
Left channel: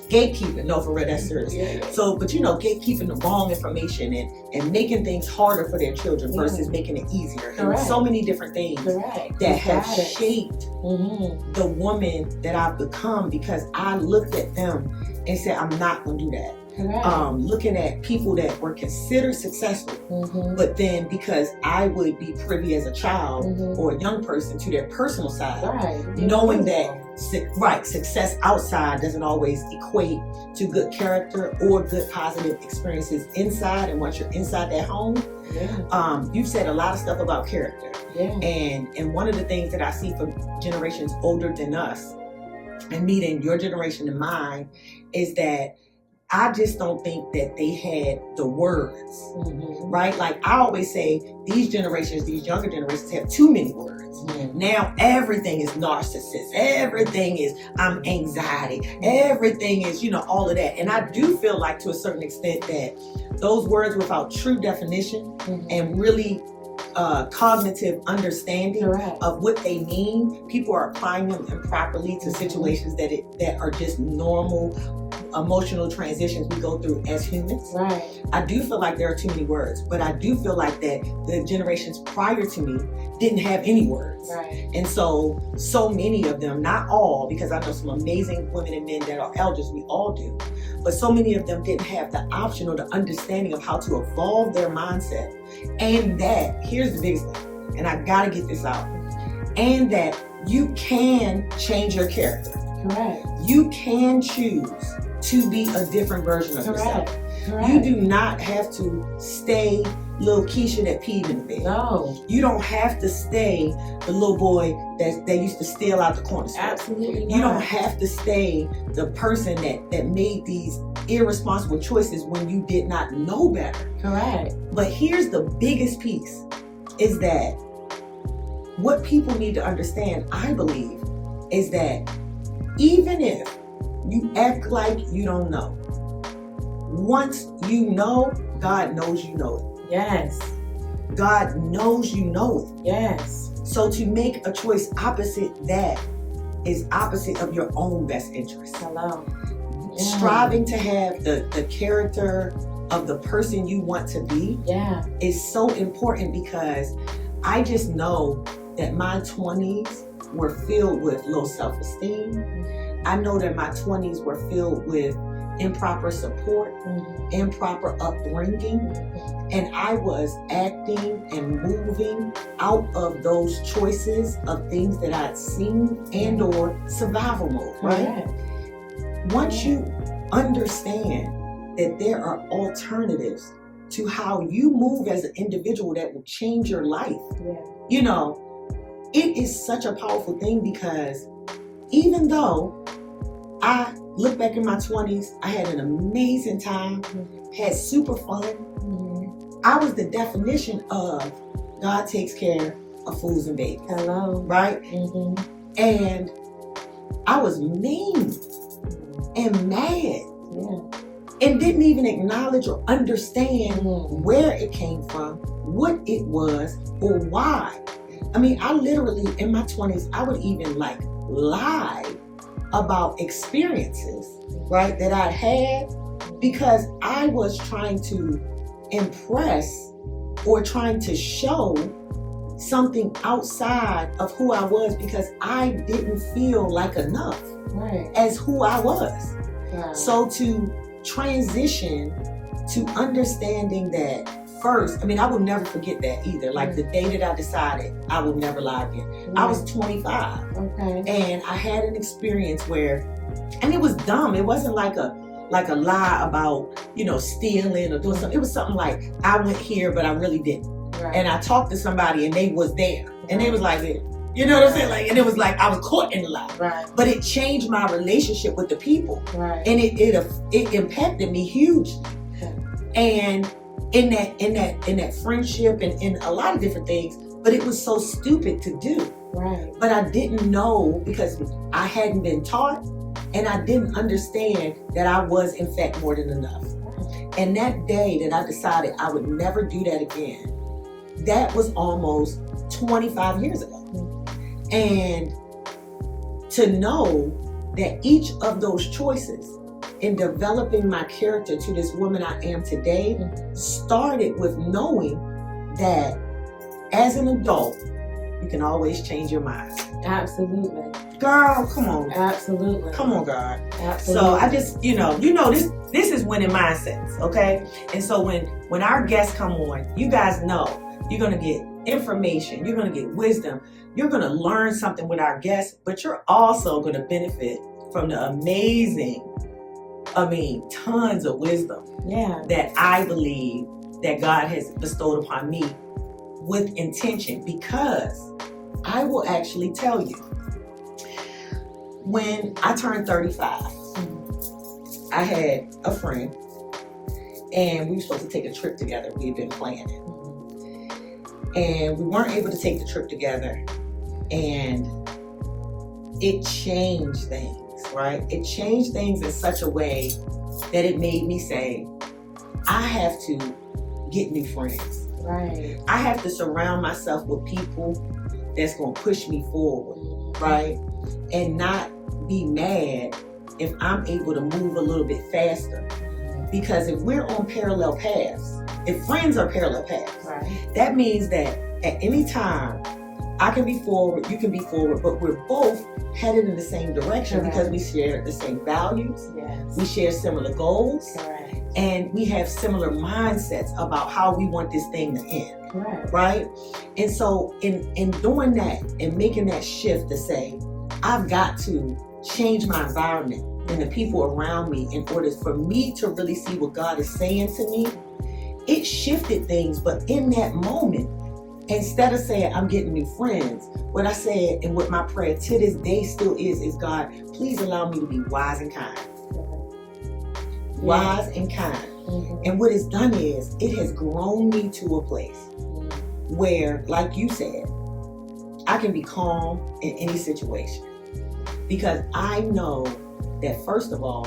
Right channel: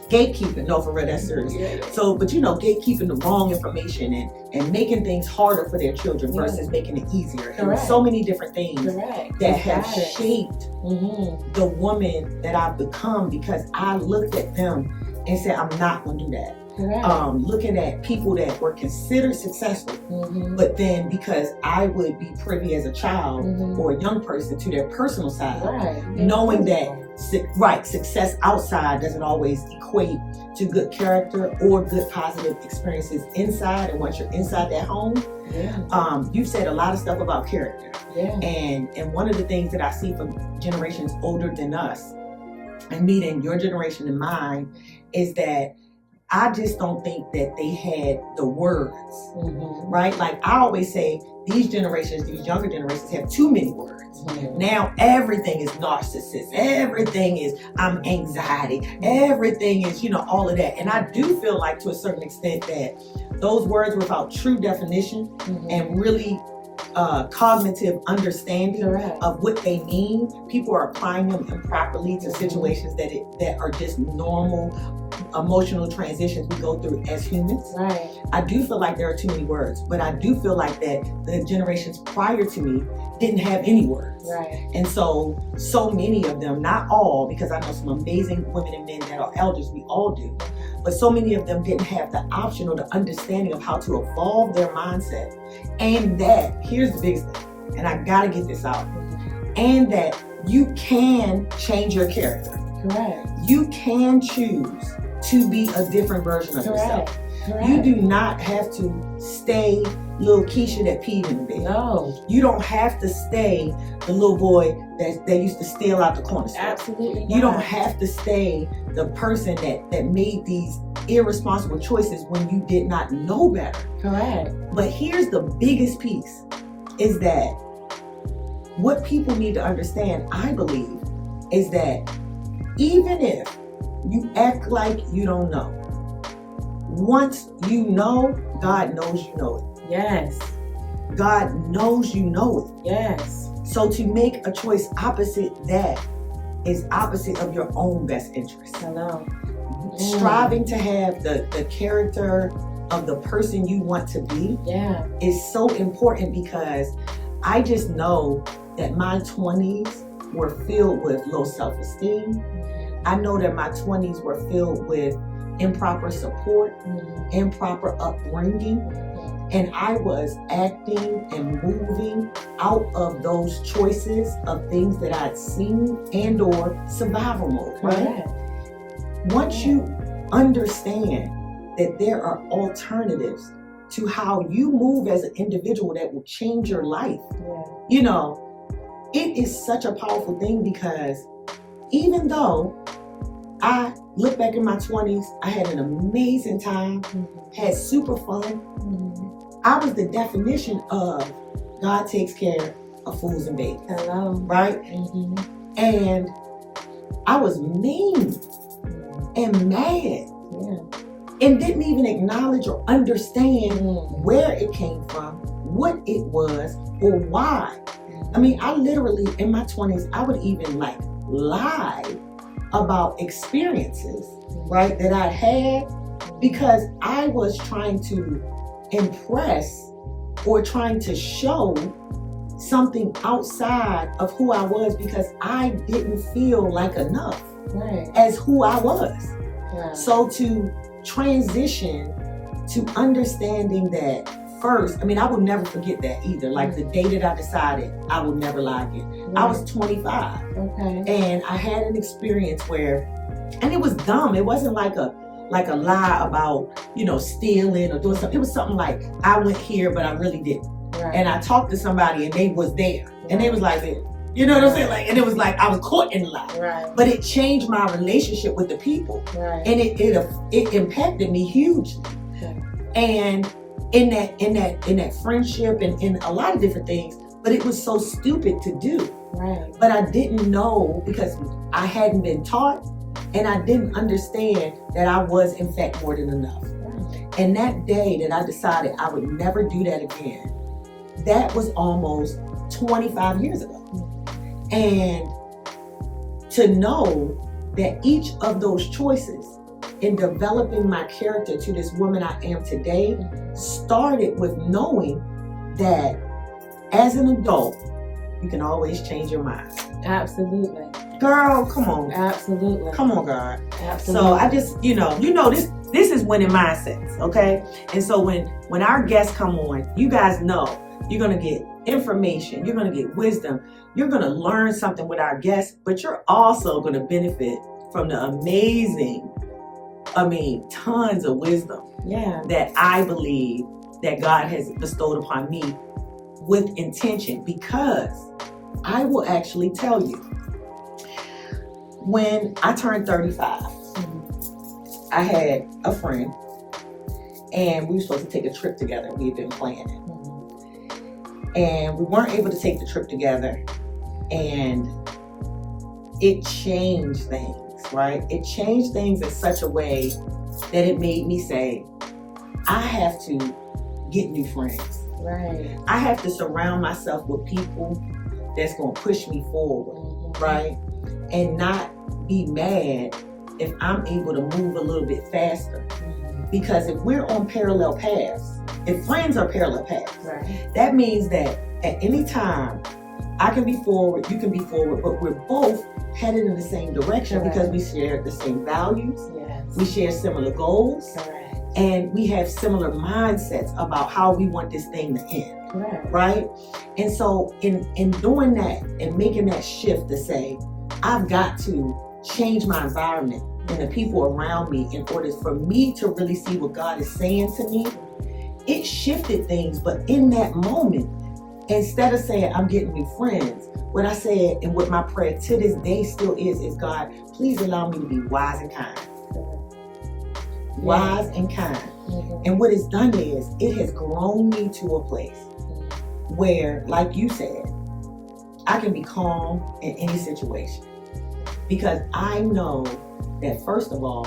gatekeeping, no, for real, that's serious. So, but you know, gatekeeping the wrong information and making things harder for their children versus making it easier. And so many different things that have shaped the woman that I've become, because I looked at them and said, I'm not going to do that. Looking at people that were considered successful, but then because I would be privy as a child or a young person to their personal side, knowing that success outside doesn't always equate to good character or good positive experiences inside. And once you're inside that home, you've said a lot of stuff about character. And one of the things that I see from generations older than us, and meeting your generation and mine, is that I just don't think that they had the words, right? Like I always say, these generations, these younger generations have too many words. Now everything is narcissist. Everything is anxiety. Everything is, you know, all of that. And I do feel like to a certain extent that those words without true definition and really cognitive understanding of what they mean, people are applying them improperly to situations that are just normal emotional transitions we go through as humans. I do feel like there are too many words, but I do feel like that the generations prior to me didn't have any words. And so many of them, not all, because I know some amazing women and men that are elders, we all do, but so many of them didn't have the option or the understanding of how to evolve their mindset. And that, here's the biggest thing, and I gotta get this out, and that you can change your character. Correct. You can choose to be a different version of yourself. Correct. You do not have to stay little Keisha that peed in the bed. No. You don't have to stay the little boy that used to steal out the corner store. Absolutely not. You don't have to stay the person that made these irresponsible choices when you did not know better. Correct. But here's the biggest piece, is that what people need to understand, I believe, is that even if you act like you don't know, once you know, God knows you know it. Yes. God knows you know it. Yes. So to make a choice opposite that is opposite of your own best interest. Hello. Striving to have the character of the person you want to be is so important, because I just know that my 20s were filled with low self-esteem. I know that my 20s were filled with improper support, improper upbringing, and I was acting and moving out of those choices of things that I'd seen and or survival mode, right? Once you understand that there are alternatives to how you move as an individual that will change your life, you know, it is such a powerful thing, because even though I look back in my 20s, I had an amazing time, had super fun. I was the definition of God takes care of fools and babies. Hello. Right? And I was mean and mad and didn't even acknowledge or understand where it came from, what it was, or why. I mean, I literally, in my 20s, I would even like lie about experiences, right, that I'd had, because I was trying to impress or trying to show something outside of who I was, because I didn't feel like enough as who I was. So to transition to understanding that first, I mean, I will never forget that either. Like the day that I decided I would never lie again. I was 25. And I had an experience where, and it was dumb. It wasn't like a lie about, you know, stealing or doing something. It was something like, I went here, but I really didn't. And I talked to somebody and they was there. And they was like, you know what I'm saying? Like, and it was like I was caught in the lie. But it changed my relationship with the people. And it impacted me hugely. And in that friendship and in a lot of different things, but it was so stupid to do. But I didn't know, because I hadn't been taught, and I didn't understand that I was in fact more than enough. And that day that I decided I would never do that again, that was almost 25 years ago. And to know that each of those choices in developing my character to this woman I am today started with knowing that as an adult, you can always change your mind. Absolutely. Girl, come on. Absolutely. Come on, God. Absolutely. So I just, you know, this is winning mindsets, okay? And so when our guests come on, you guys know you're going to get information, you're going to get wisdom, you're going to learn something with our guests, but you're also going to benefit from the amazing, tons of wisdom that I believe that God has bestowed upon me with intention, because I will actually tell you, when I turned 35, I had a friend and we were supposed to take a trip together. We had been planning. And we weren't able to take the trip together, and it changed things, right? It changed things in such a way that it made me say, I have to get new friends. I have to surround myself with people that's going to push me forward, right? And not be mad if I'm able to move a little bit faster. Because if we're on parallel paths, if friends are parallel paths, that means that at any time I can be forward, you can be forward, but we're both headed in the same direction because we share the same values, We share similar goals. Correct. And we have similar mindsets about how we want this thing to end. Correct. Right? And so in doing that and making that shift to say, I've got to change my environment and the people around me in order for me to really see what God is saying to me, it shifted things. But in that moment, instead of saying I'm getting new friends, what I said and what my prayer to this day still is God, please allow me to be wise and kind. Wise and kind. Mm-hmm. And what it's done is it has grown me to a place where, like you said, I can be calm in any situation. Because I know that, first of all,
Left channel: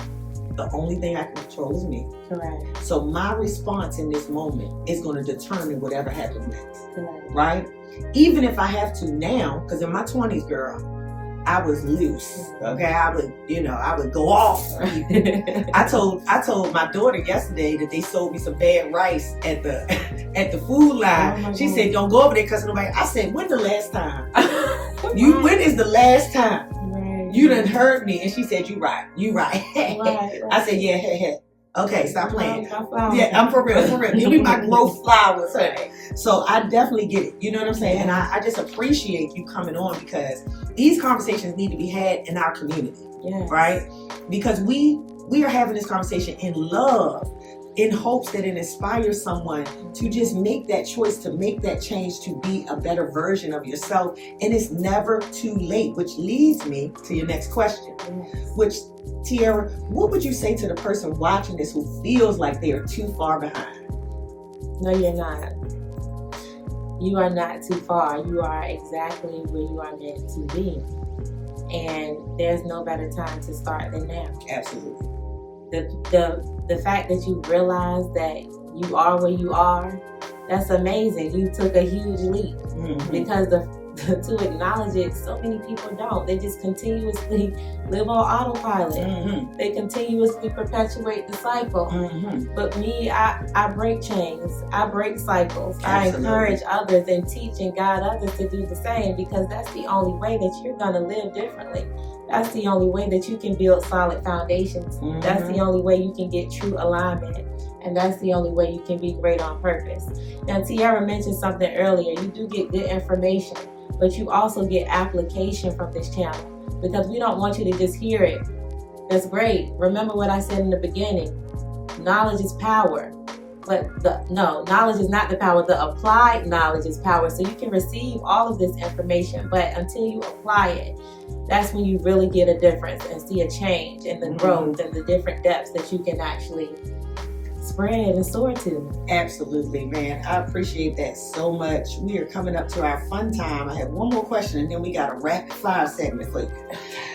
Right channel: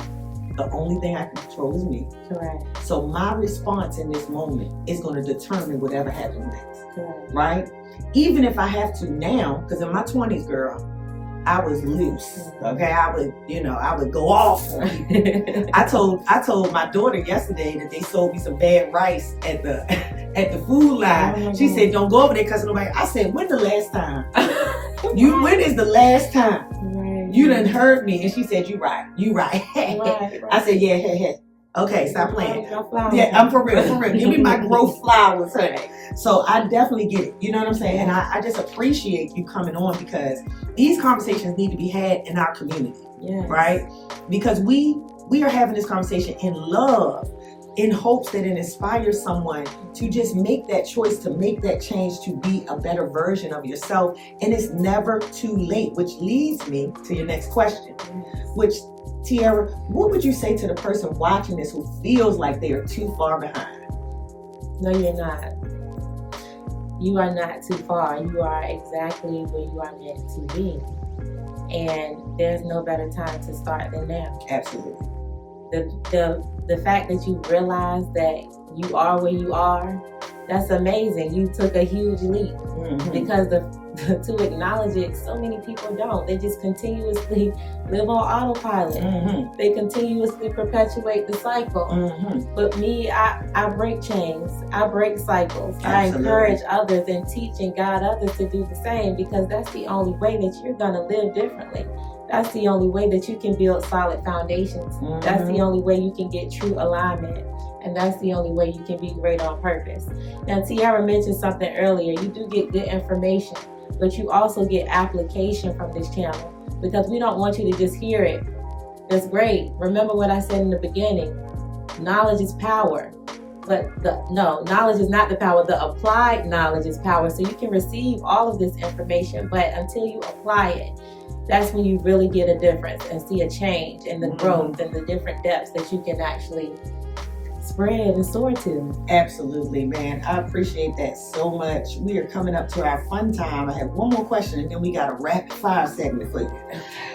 the only thing I can control is me. Correct. So my response in this moment is going to determine whatever happens next. Correct. Right? Even if I have to now, because in my 20s, girl, I was loose. Okay, I would go off. I told my daughter yesterday that they sold me some bad rice at the food line. Oh, she said, "Don't go over there because nobody." I said, "When the last time? When is the last time Right. you done heard me?" And she said, "You right. Right. I said, "Yeah, okay, stop playing." My flowers. Yeah, I'm for real. Give me my growth flowers, honey. So I definitely get it. You know what I'm saying? And I just appreciate you coming on because these conversations need to be had in our community, Yes. right? Because we are having this conversation in love, in hopes that it inspires someone to just make that choice, to make that change, to be a better version of yourself. And it's never too late, which leads me to your next question, which, Tiera, what would you say to the person watching this who feels like they are too far behind? No, you're not. You are not too far. You are exactly where you are meant to be. And there's no better time to start than now. Absolutely. The fact that you realize that you are where you are, that's amazing. You took a huge leap. Mm-hmm. Because to acknowledge it, so many people don't. They just continuously live on autopilot. Mm-hmm. They continuously perpetuate the cycle. Mm-hmm. But me, I break chains. I break cycles. Absolutely. I encourage others and teach and guide others to do the same because that's the only way that you're going to live differently. That's the only way that you can build solid foundations. Mm-hmm. That's the only way you can get true alignment. And that's the only way you can be great on purpose. Now, Tiera mentioned something earlier. You do get good information, but you also get application from this channel because we don't want you to just hear it. That's great. Remember what I said in the beginning. Knowledge is power. But knowledge is not the power. The applied knowledge is power. So you can receive all of this information, but until you apply it, that's when you really get a difference and see a change in the growth and the different depths that you can actually spread and soar to. Absolutely, man. I appreciate that so much. We are coming up to our fun time. I have one more question and then we got a rapid fire segment for you.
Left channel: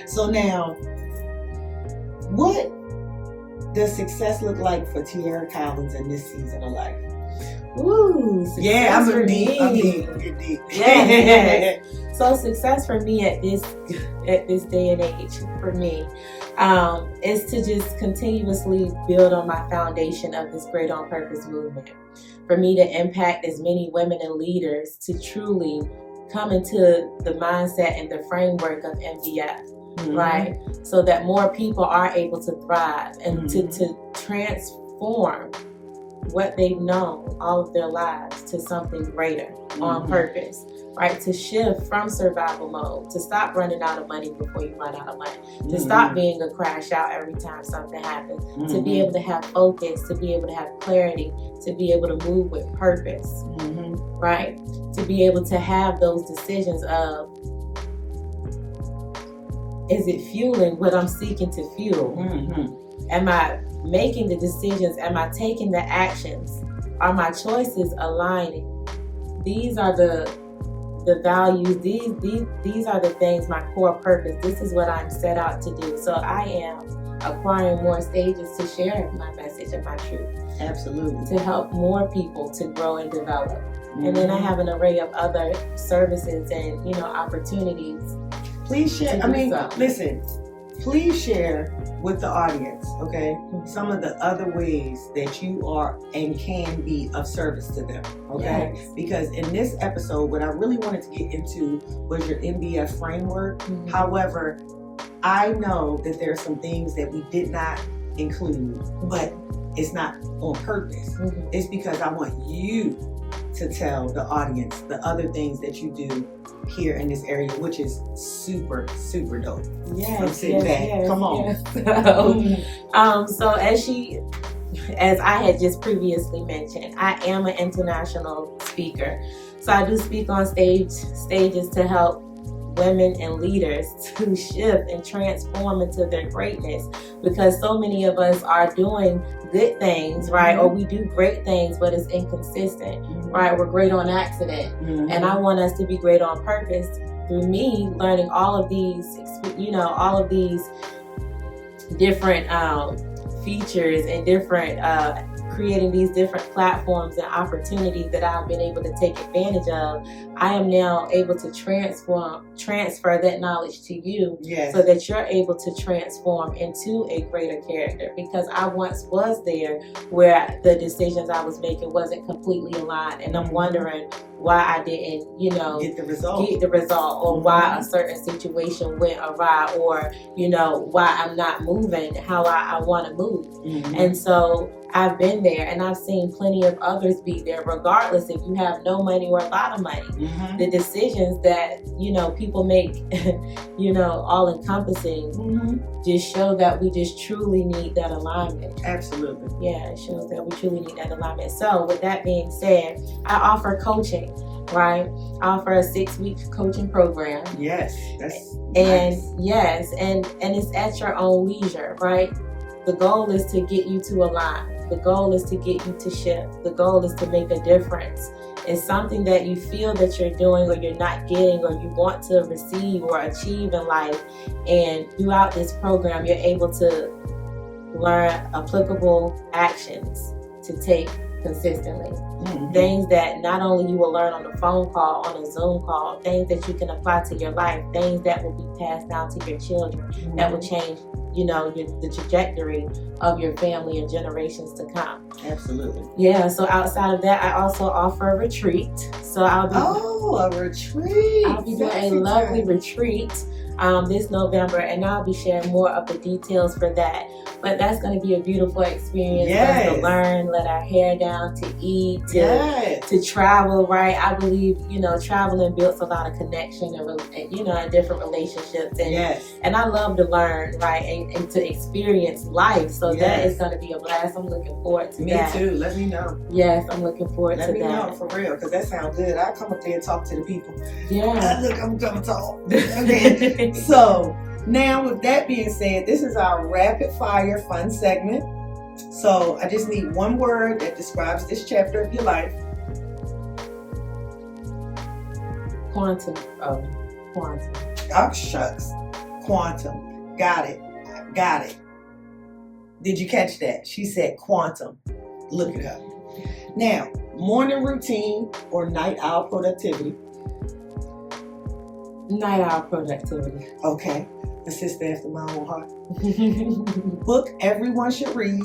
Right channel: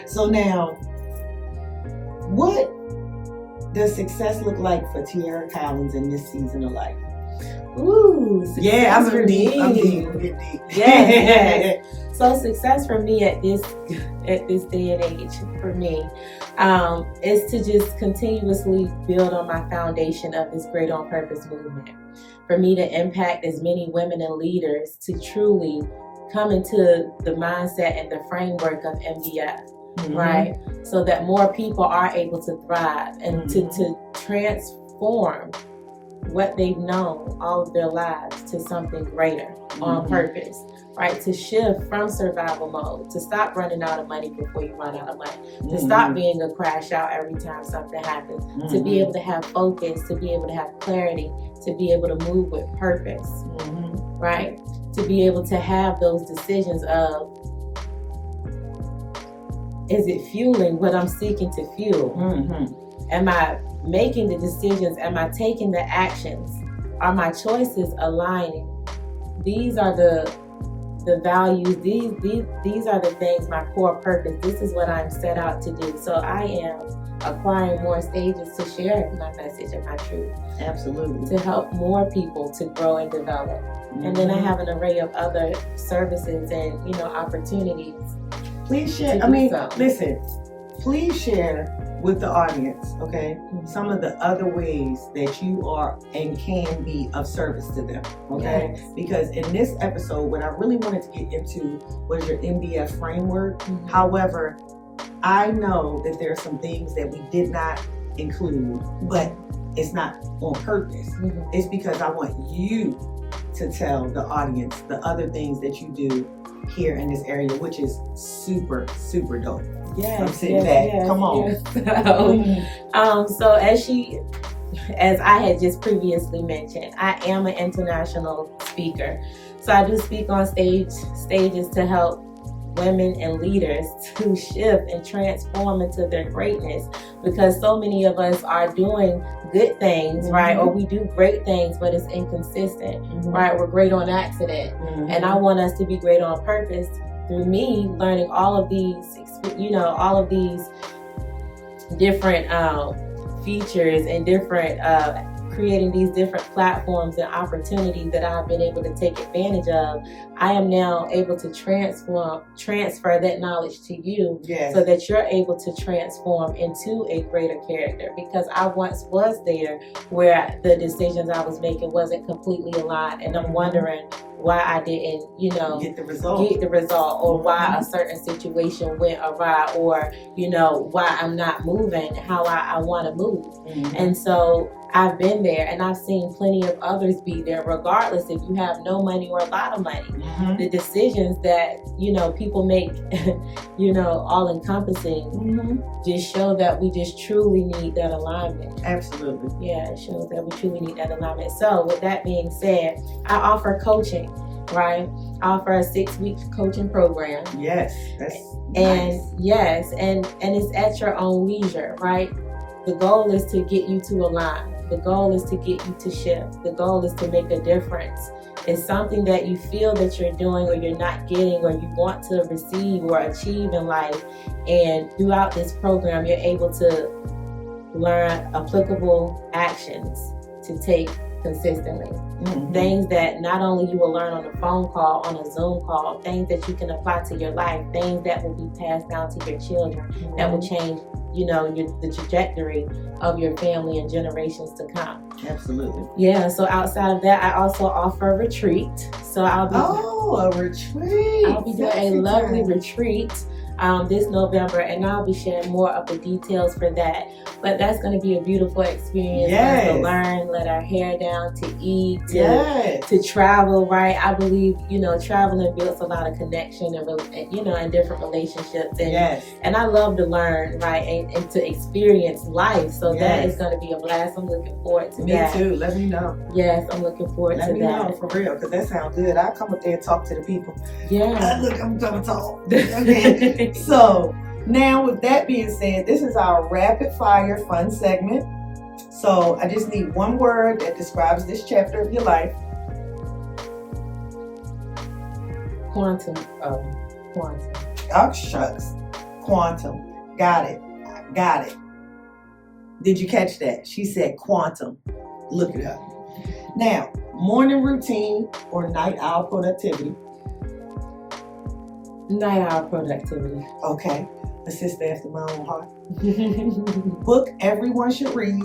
So now, what does success look like for Tiera Collins in this season of life? Ooh, Yeah, I'm for deep. me. I'm deep. Yes. So success for me at this day and age for me is to just continuously build on my foundation of this Great on Purpose movement. For me to impact as many women and leaders to truly come into the mindset and the framework of MDF, right? So that more people are able to thrive and to transform what they've known all of their lives to something greater on purpose, right? To shift from survival mode, to stop running out of money before you run out of money, to stop being a crash out every time something happens, to be able to have focus, to be able to have clarity, to be able to move with purpose, right? To be able to have those decisions of, is it fueling what I'm seeking to fuel? Am I making the decisions? Am I taking the actions? Are my choices aligning? These are the values. These are the things, my core purpose. This is what I'm set out to do. So I am acquiring more stages to share my message and my truth. Absolutely. To help more people to grow and develop. And then I have an array of other services and, opportunities. Please share. Listen, please share with the audience, okay, some of the other ways that you are and can be of service to them, okay? Yes. Because in this episode, what I really wanted to get into was your MBF framework. However, I know that there are some things that we did not include, but it's not on purpose. Mhm. It's because I want you to tell the audience the other things that you do here in this area, which is super, super dope. Yes, I'm sitting yes, back. yes, Come on. Yes. So as I had just previously mentioned, I am an international speaker. So I do speak on stages to help women and leaders to shift and transform into their greatness, because so many of us are doing good things, right? Or we do great things, but it's inconsistent, right? We're great on accident. And I want us to be great on purpose through me learning all of these, all of these different features and different creating these different platforms and opportunities that I've been able to take advantage of. I am now able to transfer that knowledge to you, so that you're able to transform into a greater character, because I once was there where the decisions I was making wasn't completely aligned, and I'm wondering why I didn't, get the result, or why a certain situation went awry, or, why I'm not moving how I want to move. And so I've been there, and I've seen plenty of others be there, regardless if you have no money or a lot of money. The decisions that, people make, all encompassing, just show that we just truly need that alignment. Absolutely. Yeah, it shows that we truly need that alignment. So with that being said, I offer coaching, right? I offer a 6-week coaching program. Yes, that's and nice. Yes, and it's at your own leisure, right? The goal is to get you to align. The goal is to get you to shift. The goal is to make a difference. It's something that you feel that you're doing or you're not getting, or you want to receive or achieve in life. And throughout this program, you're able to learn applicable actions to take consistently. Things that not only you will learn on a phone call, on a Zoom call, things that you can apply to your life, things that will be passed down to your children, that will change, the trajectory of your family and generations to come. Absolutely. Yeah, so outside of that, I also offer a retreat. So I'll be a retreat. I'll be doing a lovely retreat this November, and I'll be sharing more of the details for that. But that's going to be a beautiful experience for us to learn, let our hair down, to eat, to travel, right? I believe, traveling builds a lot of connection and, and different relationships. And I love to learn, right? And to experience life. So that is going to be a blast. I'm looking forward to that. Me too. Let me know. Yes, I'm looking forward to that. Let me know, for real, because that sounds good. I'll come up there and talk to the people. Yeah. Look, I'm going to talk. Okay. So, now, with that being said, this is our rapid fire fun segment. So I just need one word that describes this chapter of your life. Quantum. Quantum. Oh, shucks. Quantum. Got it. Did you catch that? She said quantum. Look it up. Now, morning routine or night owl productivity? Night owl productivity. Okay. A sister after my own heart. Book everyone should read.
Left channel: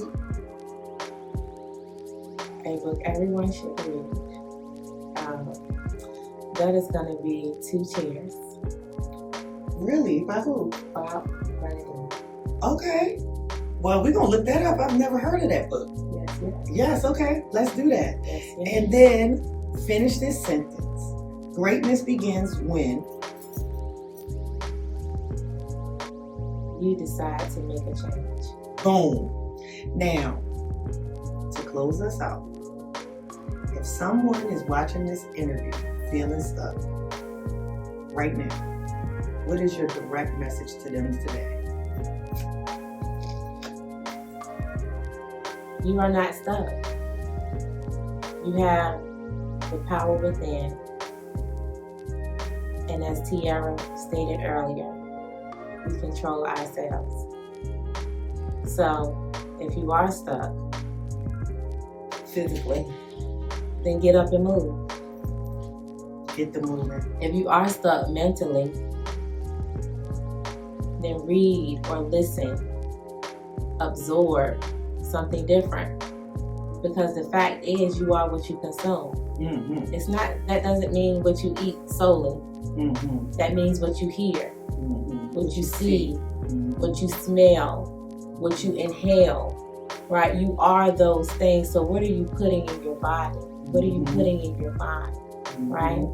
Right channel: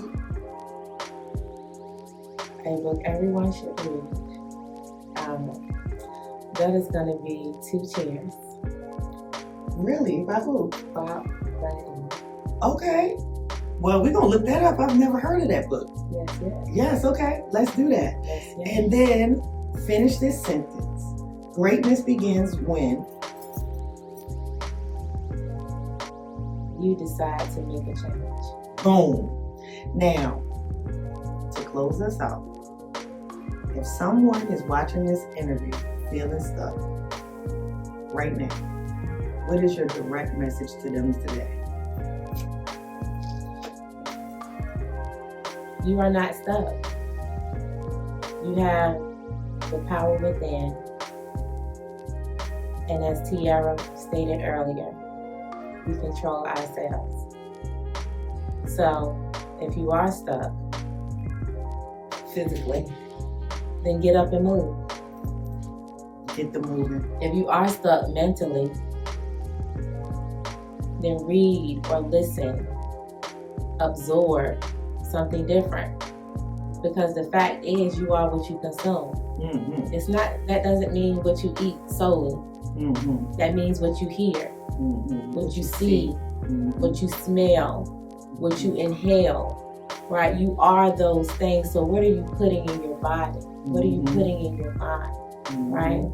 A book everyone should read. That is going to be 2 Chairs. Really? By who? Bob Bradley. Okay. Well, we're going to look that up. I've never heard of that book. Yes. Yes, okay. Let's do that. Yes. And then finish this sentence. Greatness begins when you decide to make a change. Boom. Now, to close us out, if someone is watching this interview feeling stuck right now, what is your direct message to them today? You are not stuck. You have the power within. And as Tiera stated earlier, we control ourselves. So if you are stuck physically, then get up and move. Get the moving. If you are stuck mentally, then read or listen, absorb something different. Because the fact is, you are what you consume. Mm-hmm. It's not, that doesn't mean what you eat solely. Mm-hmm. That means what you hear, Mm-hmm. what you see, Mm-hmm. what you smell, what you inhale, right? You are those things. So what are you putting in your body? What are you putting in your mind, right?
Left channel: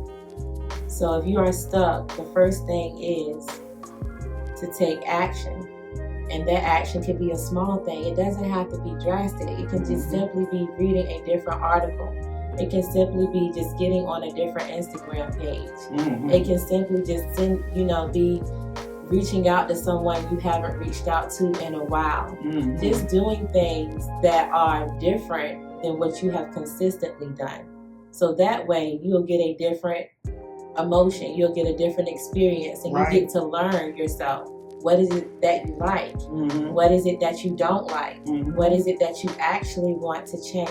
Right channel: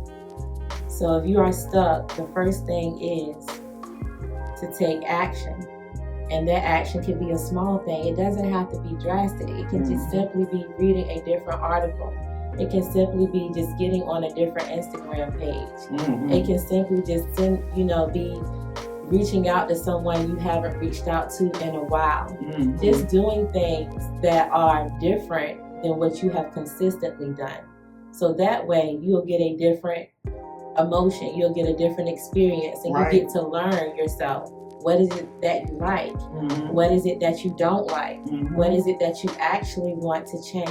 So if you are stuck, the first thing is to take action. And that action can be a small thing. It doesn't have to be drastic. It can just simply be reading a different article. It can simply be just getting on a different Instagram page. It can simply just be reaching out to someone you haven't reached out to in a while. Just doing things that are different than what you have consistently done. So that way you'll get a different emotion. You'll get a different experience, and you get to learn yourself. What is it that you like? What is it that you don't like? What is it that you actually want to change?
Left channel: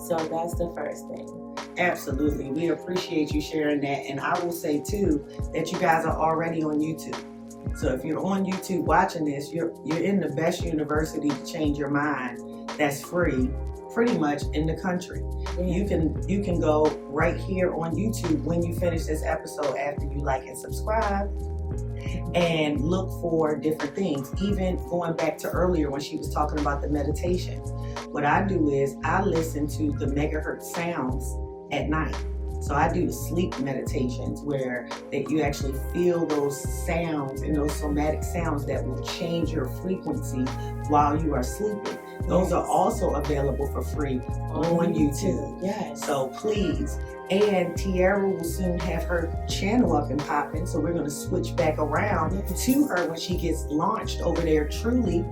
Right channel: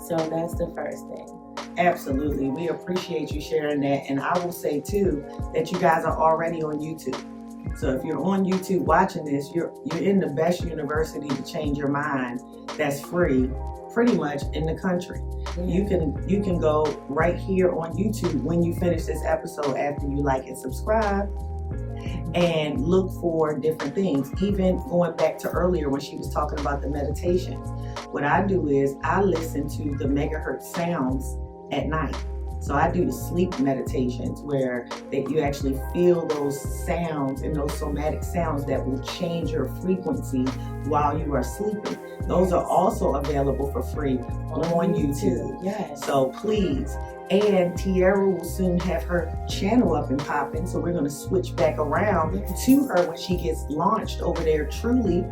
So that's the first thing. Absolutely. We appreciate you sharing that. And I will say too that you guys are already on YouTube. So if you're on YouTube watching this, you're in the best university to change your mind that's free pretty much in the country. You can go right here on YouTube when you finish this episode after you like and subscribe, and look for different things. Even going back to earlier when she was talking about the meditation, what I do is I listen to the megahertz sounds at night. So I do the sleep meditations where that you actually feel those sounds and those somatic sounds that will change your frequency while you are sleeping. Those are also available for free on YouTube. Yes. So please. And Tiera will soon have her channel up and popping. So we're going to switch back around to her when she gets launched over there, truly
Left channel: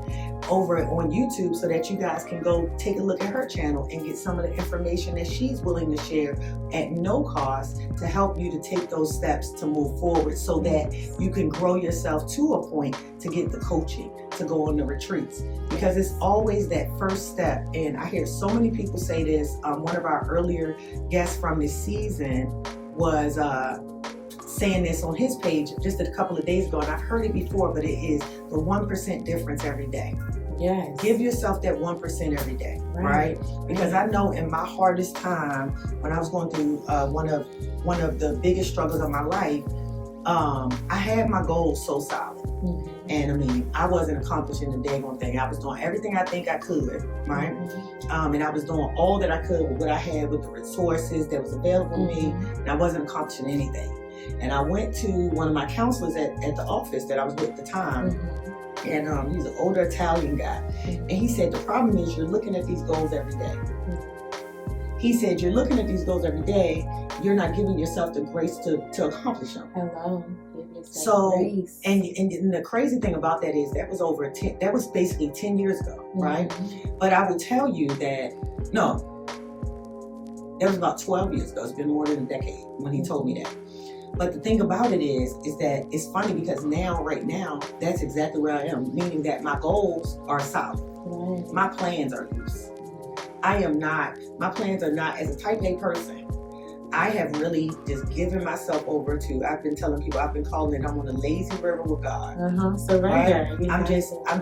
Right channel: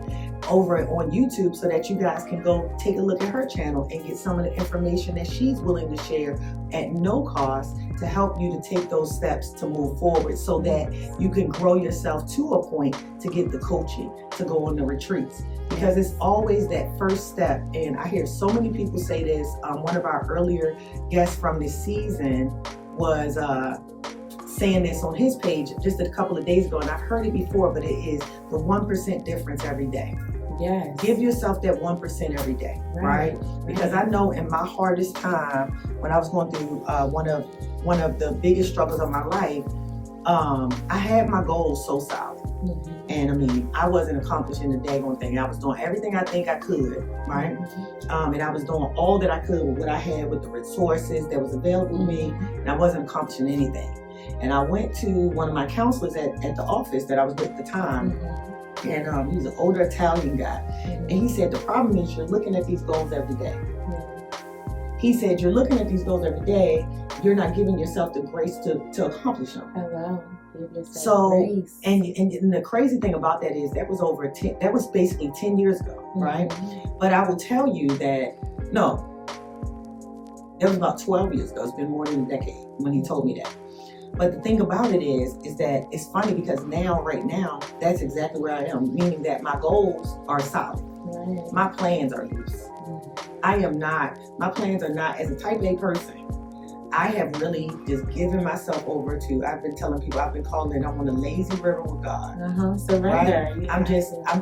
over on YouTube, so that you guys can go take a look at her channel and get some of the information that she's willing to share at no cost to help you to take those steps to move forward, so that you can grow yourself to a point to get the coaching, to go on the retreats. Because it's always that first step. And I hear so many people say this. One of our earlier guests from this season was saying this on his page just a couple of days ago, and I've heard it before, but it is the 1% difference every day. Yes. Give yourself that 1% every day, right? Because I know in my hardest time, when I was going through one of the biggest struggles of my life, I had my goals so solid. And I mean, I wasn't accomplishing the daggone thing. I was doing everything I think I could, right? And I was doing all that I could with what I had, with the resources that was available to me, and I wasn't accomplishing anything. And I went to one of my counselors at the office that I was with at the time, and he's an older Italian guy. And he said, the problem is you're looking at these goals every day. He said, you're looking at these goals every day, you're not giving yourself the grace to accomplish them. Hello. Give yourself grace. And the crazy thing about that is that was basically 10 years ago, right? But I will tell you that, no, that was about 12 years ago. It's been more than a decade when he told me that. But the thing about it is that it's funny because right now, that's exactly where I am, meaning that my goals are solid. My plans are loose. My plans are not, as a type A person, I have really just given myself over to, I've been telling people, I've been calling it, I'm on a lazy river with God. Surrender. Right? I'm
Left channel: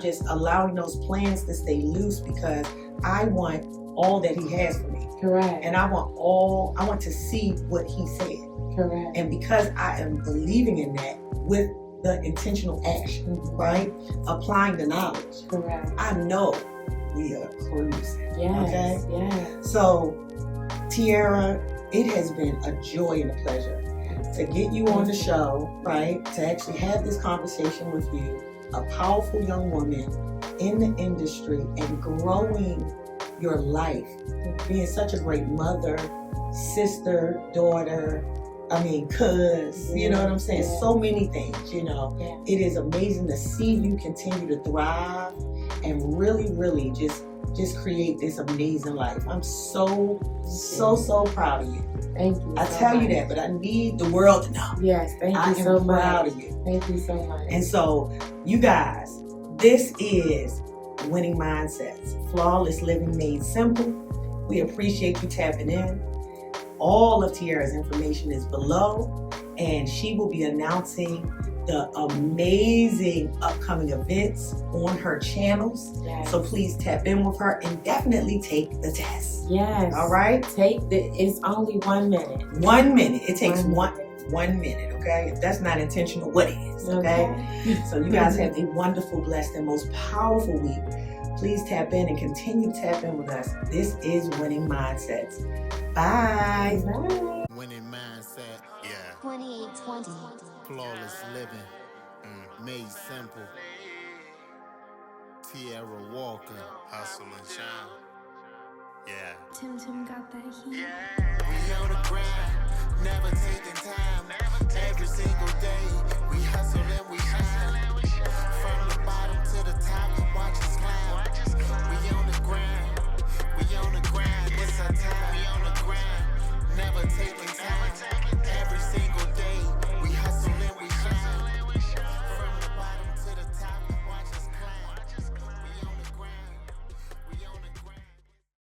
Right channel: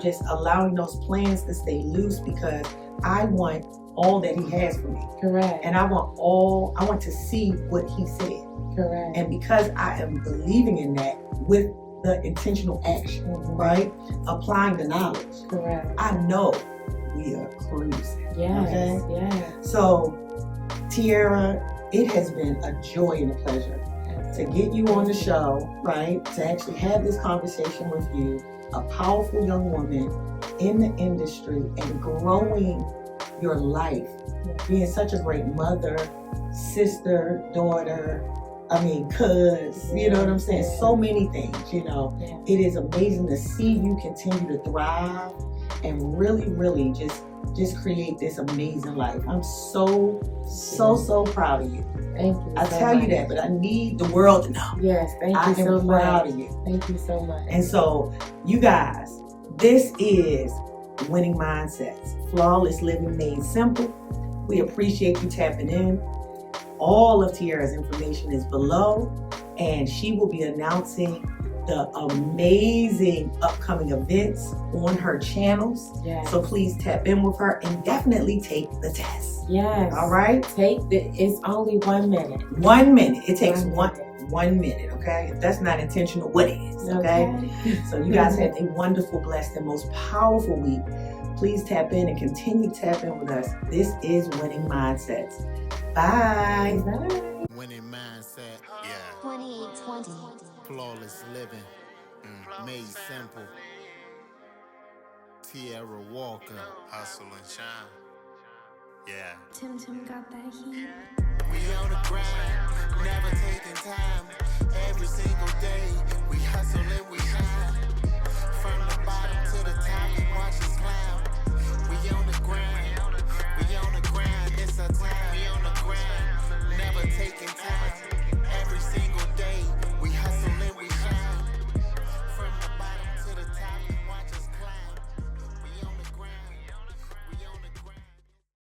just allowing those plans to stay loose because I want all that He has for me. Correct. And I want to see what He said. Correct. And because I am believing in that with the intentional action, right? Applying the knowledge. Correct. I know we are cruising. Yes. Okay? Yes. So, Tiera, it has been a joy and a pleasure to get you on the show, right? To actually have this conversation with you, a powerful young woman in the industry and growing your life, being such a great mother, sister, daughter, cuz, you know what I'm saying? So many things, you know. It is amazing to see you continue to thrive and really, really just create this amazing life. I'm so proud of you. Thank you. I tell you that, but I need the world to know. Yes, thank you so much. I am proud of you. Thank you so much. And so, you guys, this is Winning Mindsets, Flawless Living Made Simple. We appreciate you tapping in. All of Tiera's information is below, and she will be announcing the amazing upcoming events on her channels. Yes. So please tap in with her and definitely take the test. Yes. All right? It's only 1 minute. 1 minute. It takes 1 minute, okay? If that's not intentional, what is, okay? So you guys have a wonderful, blessed, and most powerful week. Please tap in and continue to tap in with us. This is Winning Mindsets. Bye. Bye. Winning mindset, yeah. 2820. Flawless living, made simple. Tiera Walker, hustle and shine. Yeah. Tim got that heat. We on the grind, never taking time. Every single day, we hustle and we shine.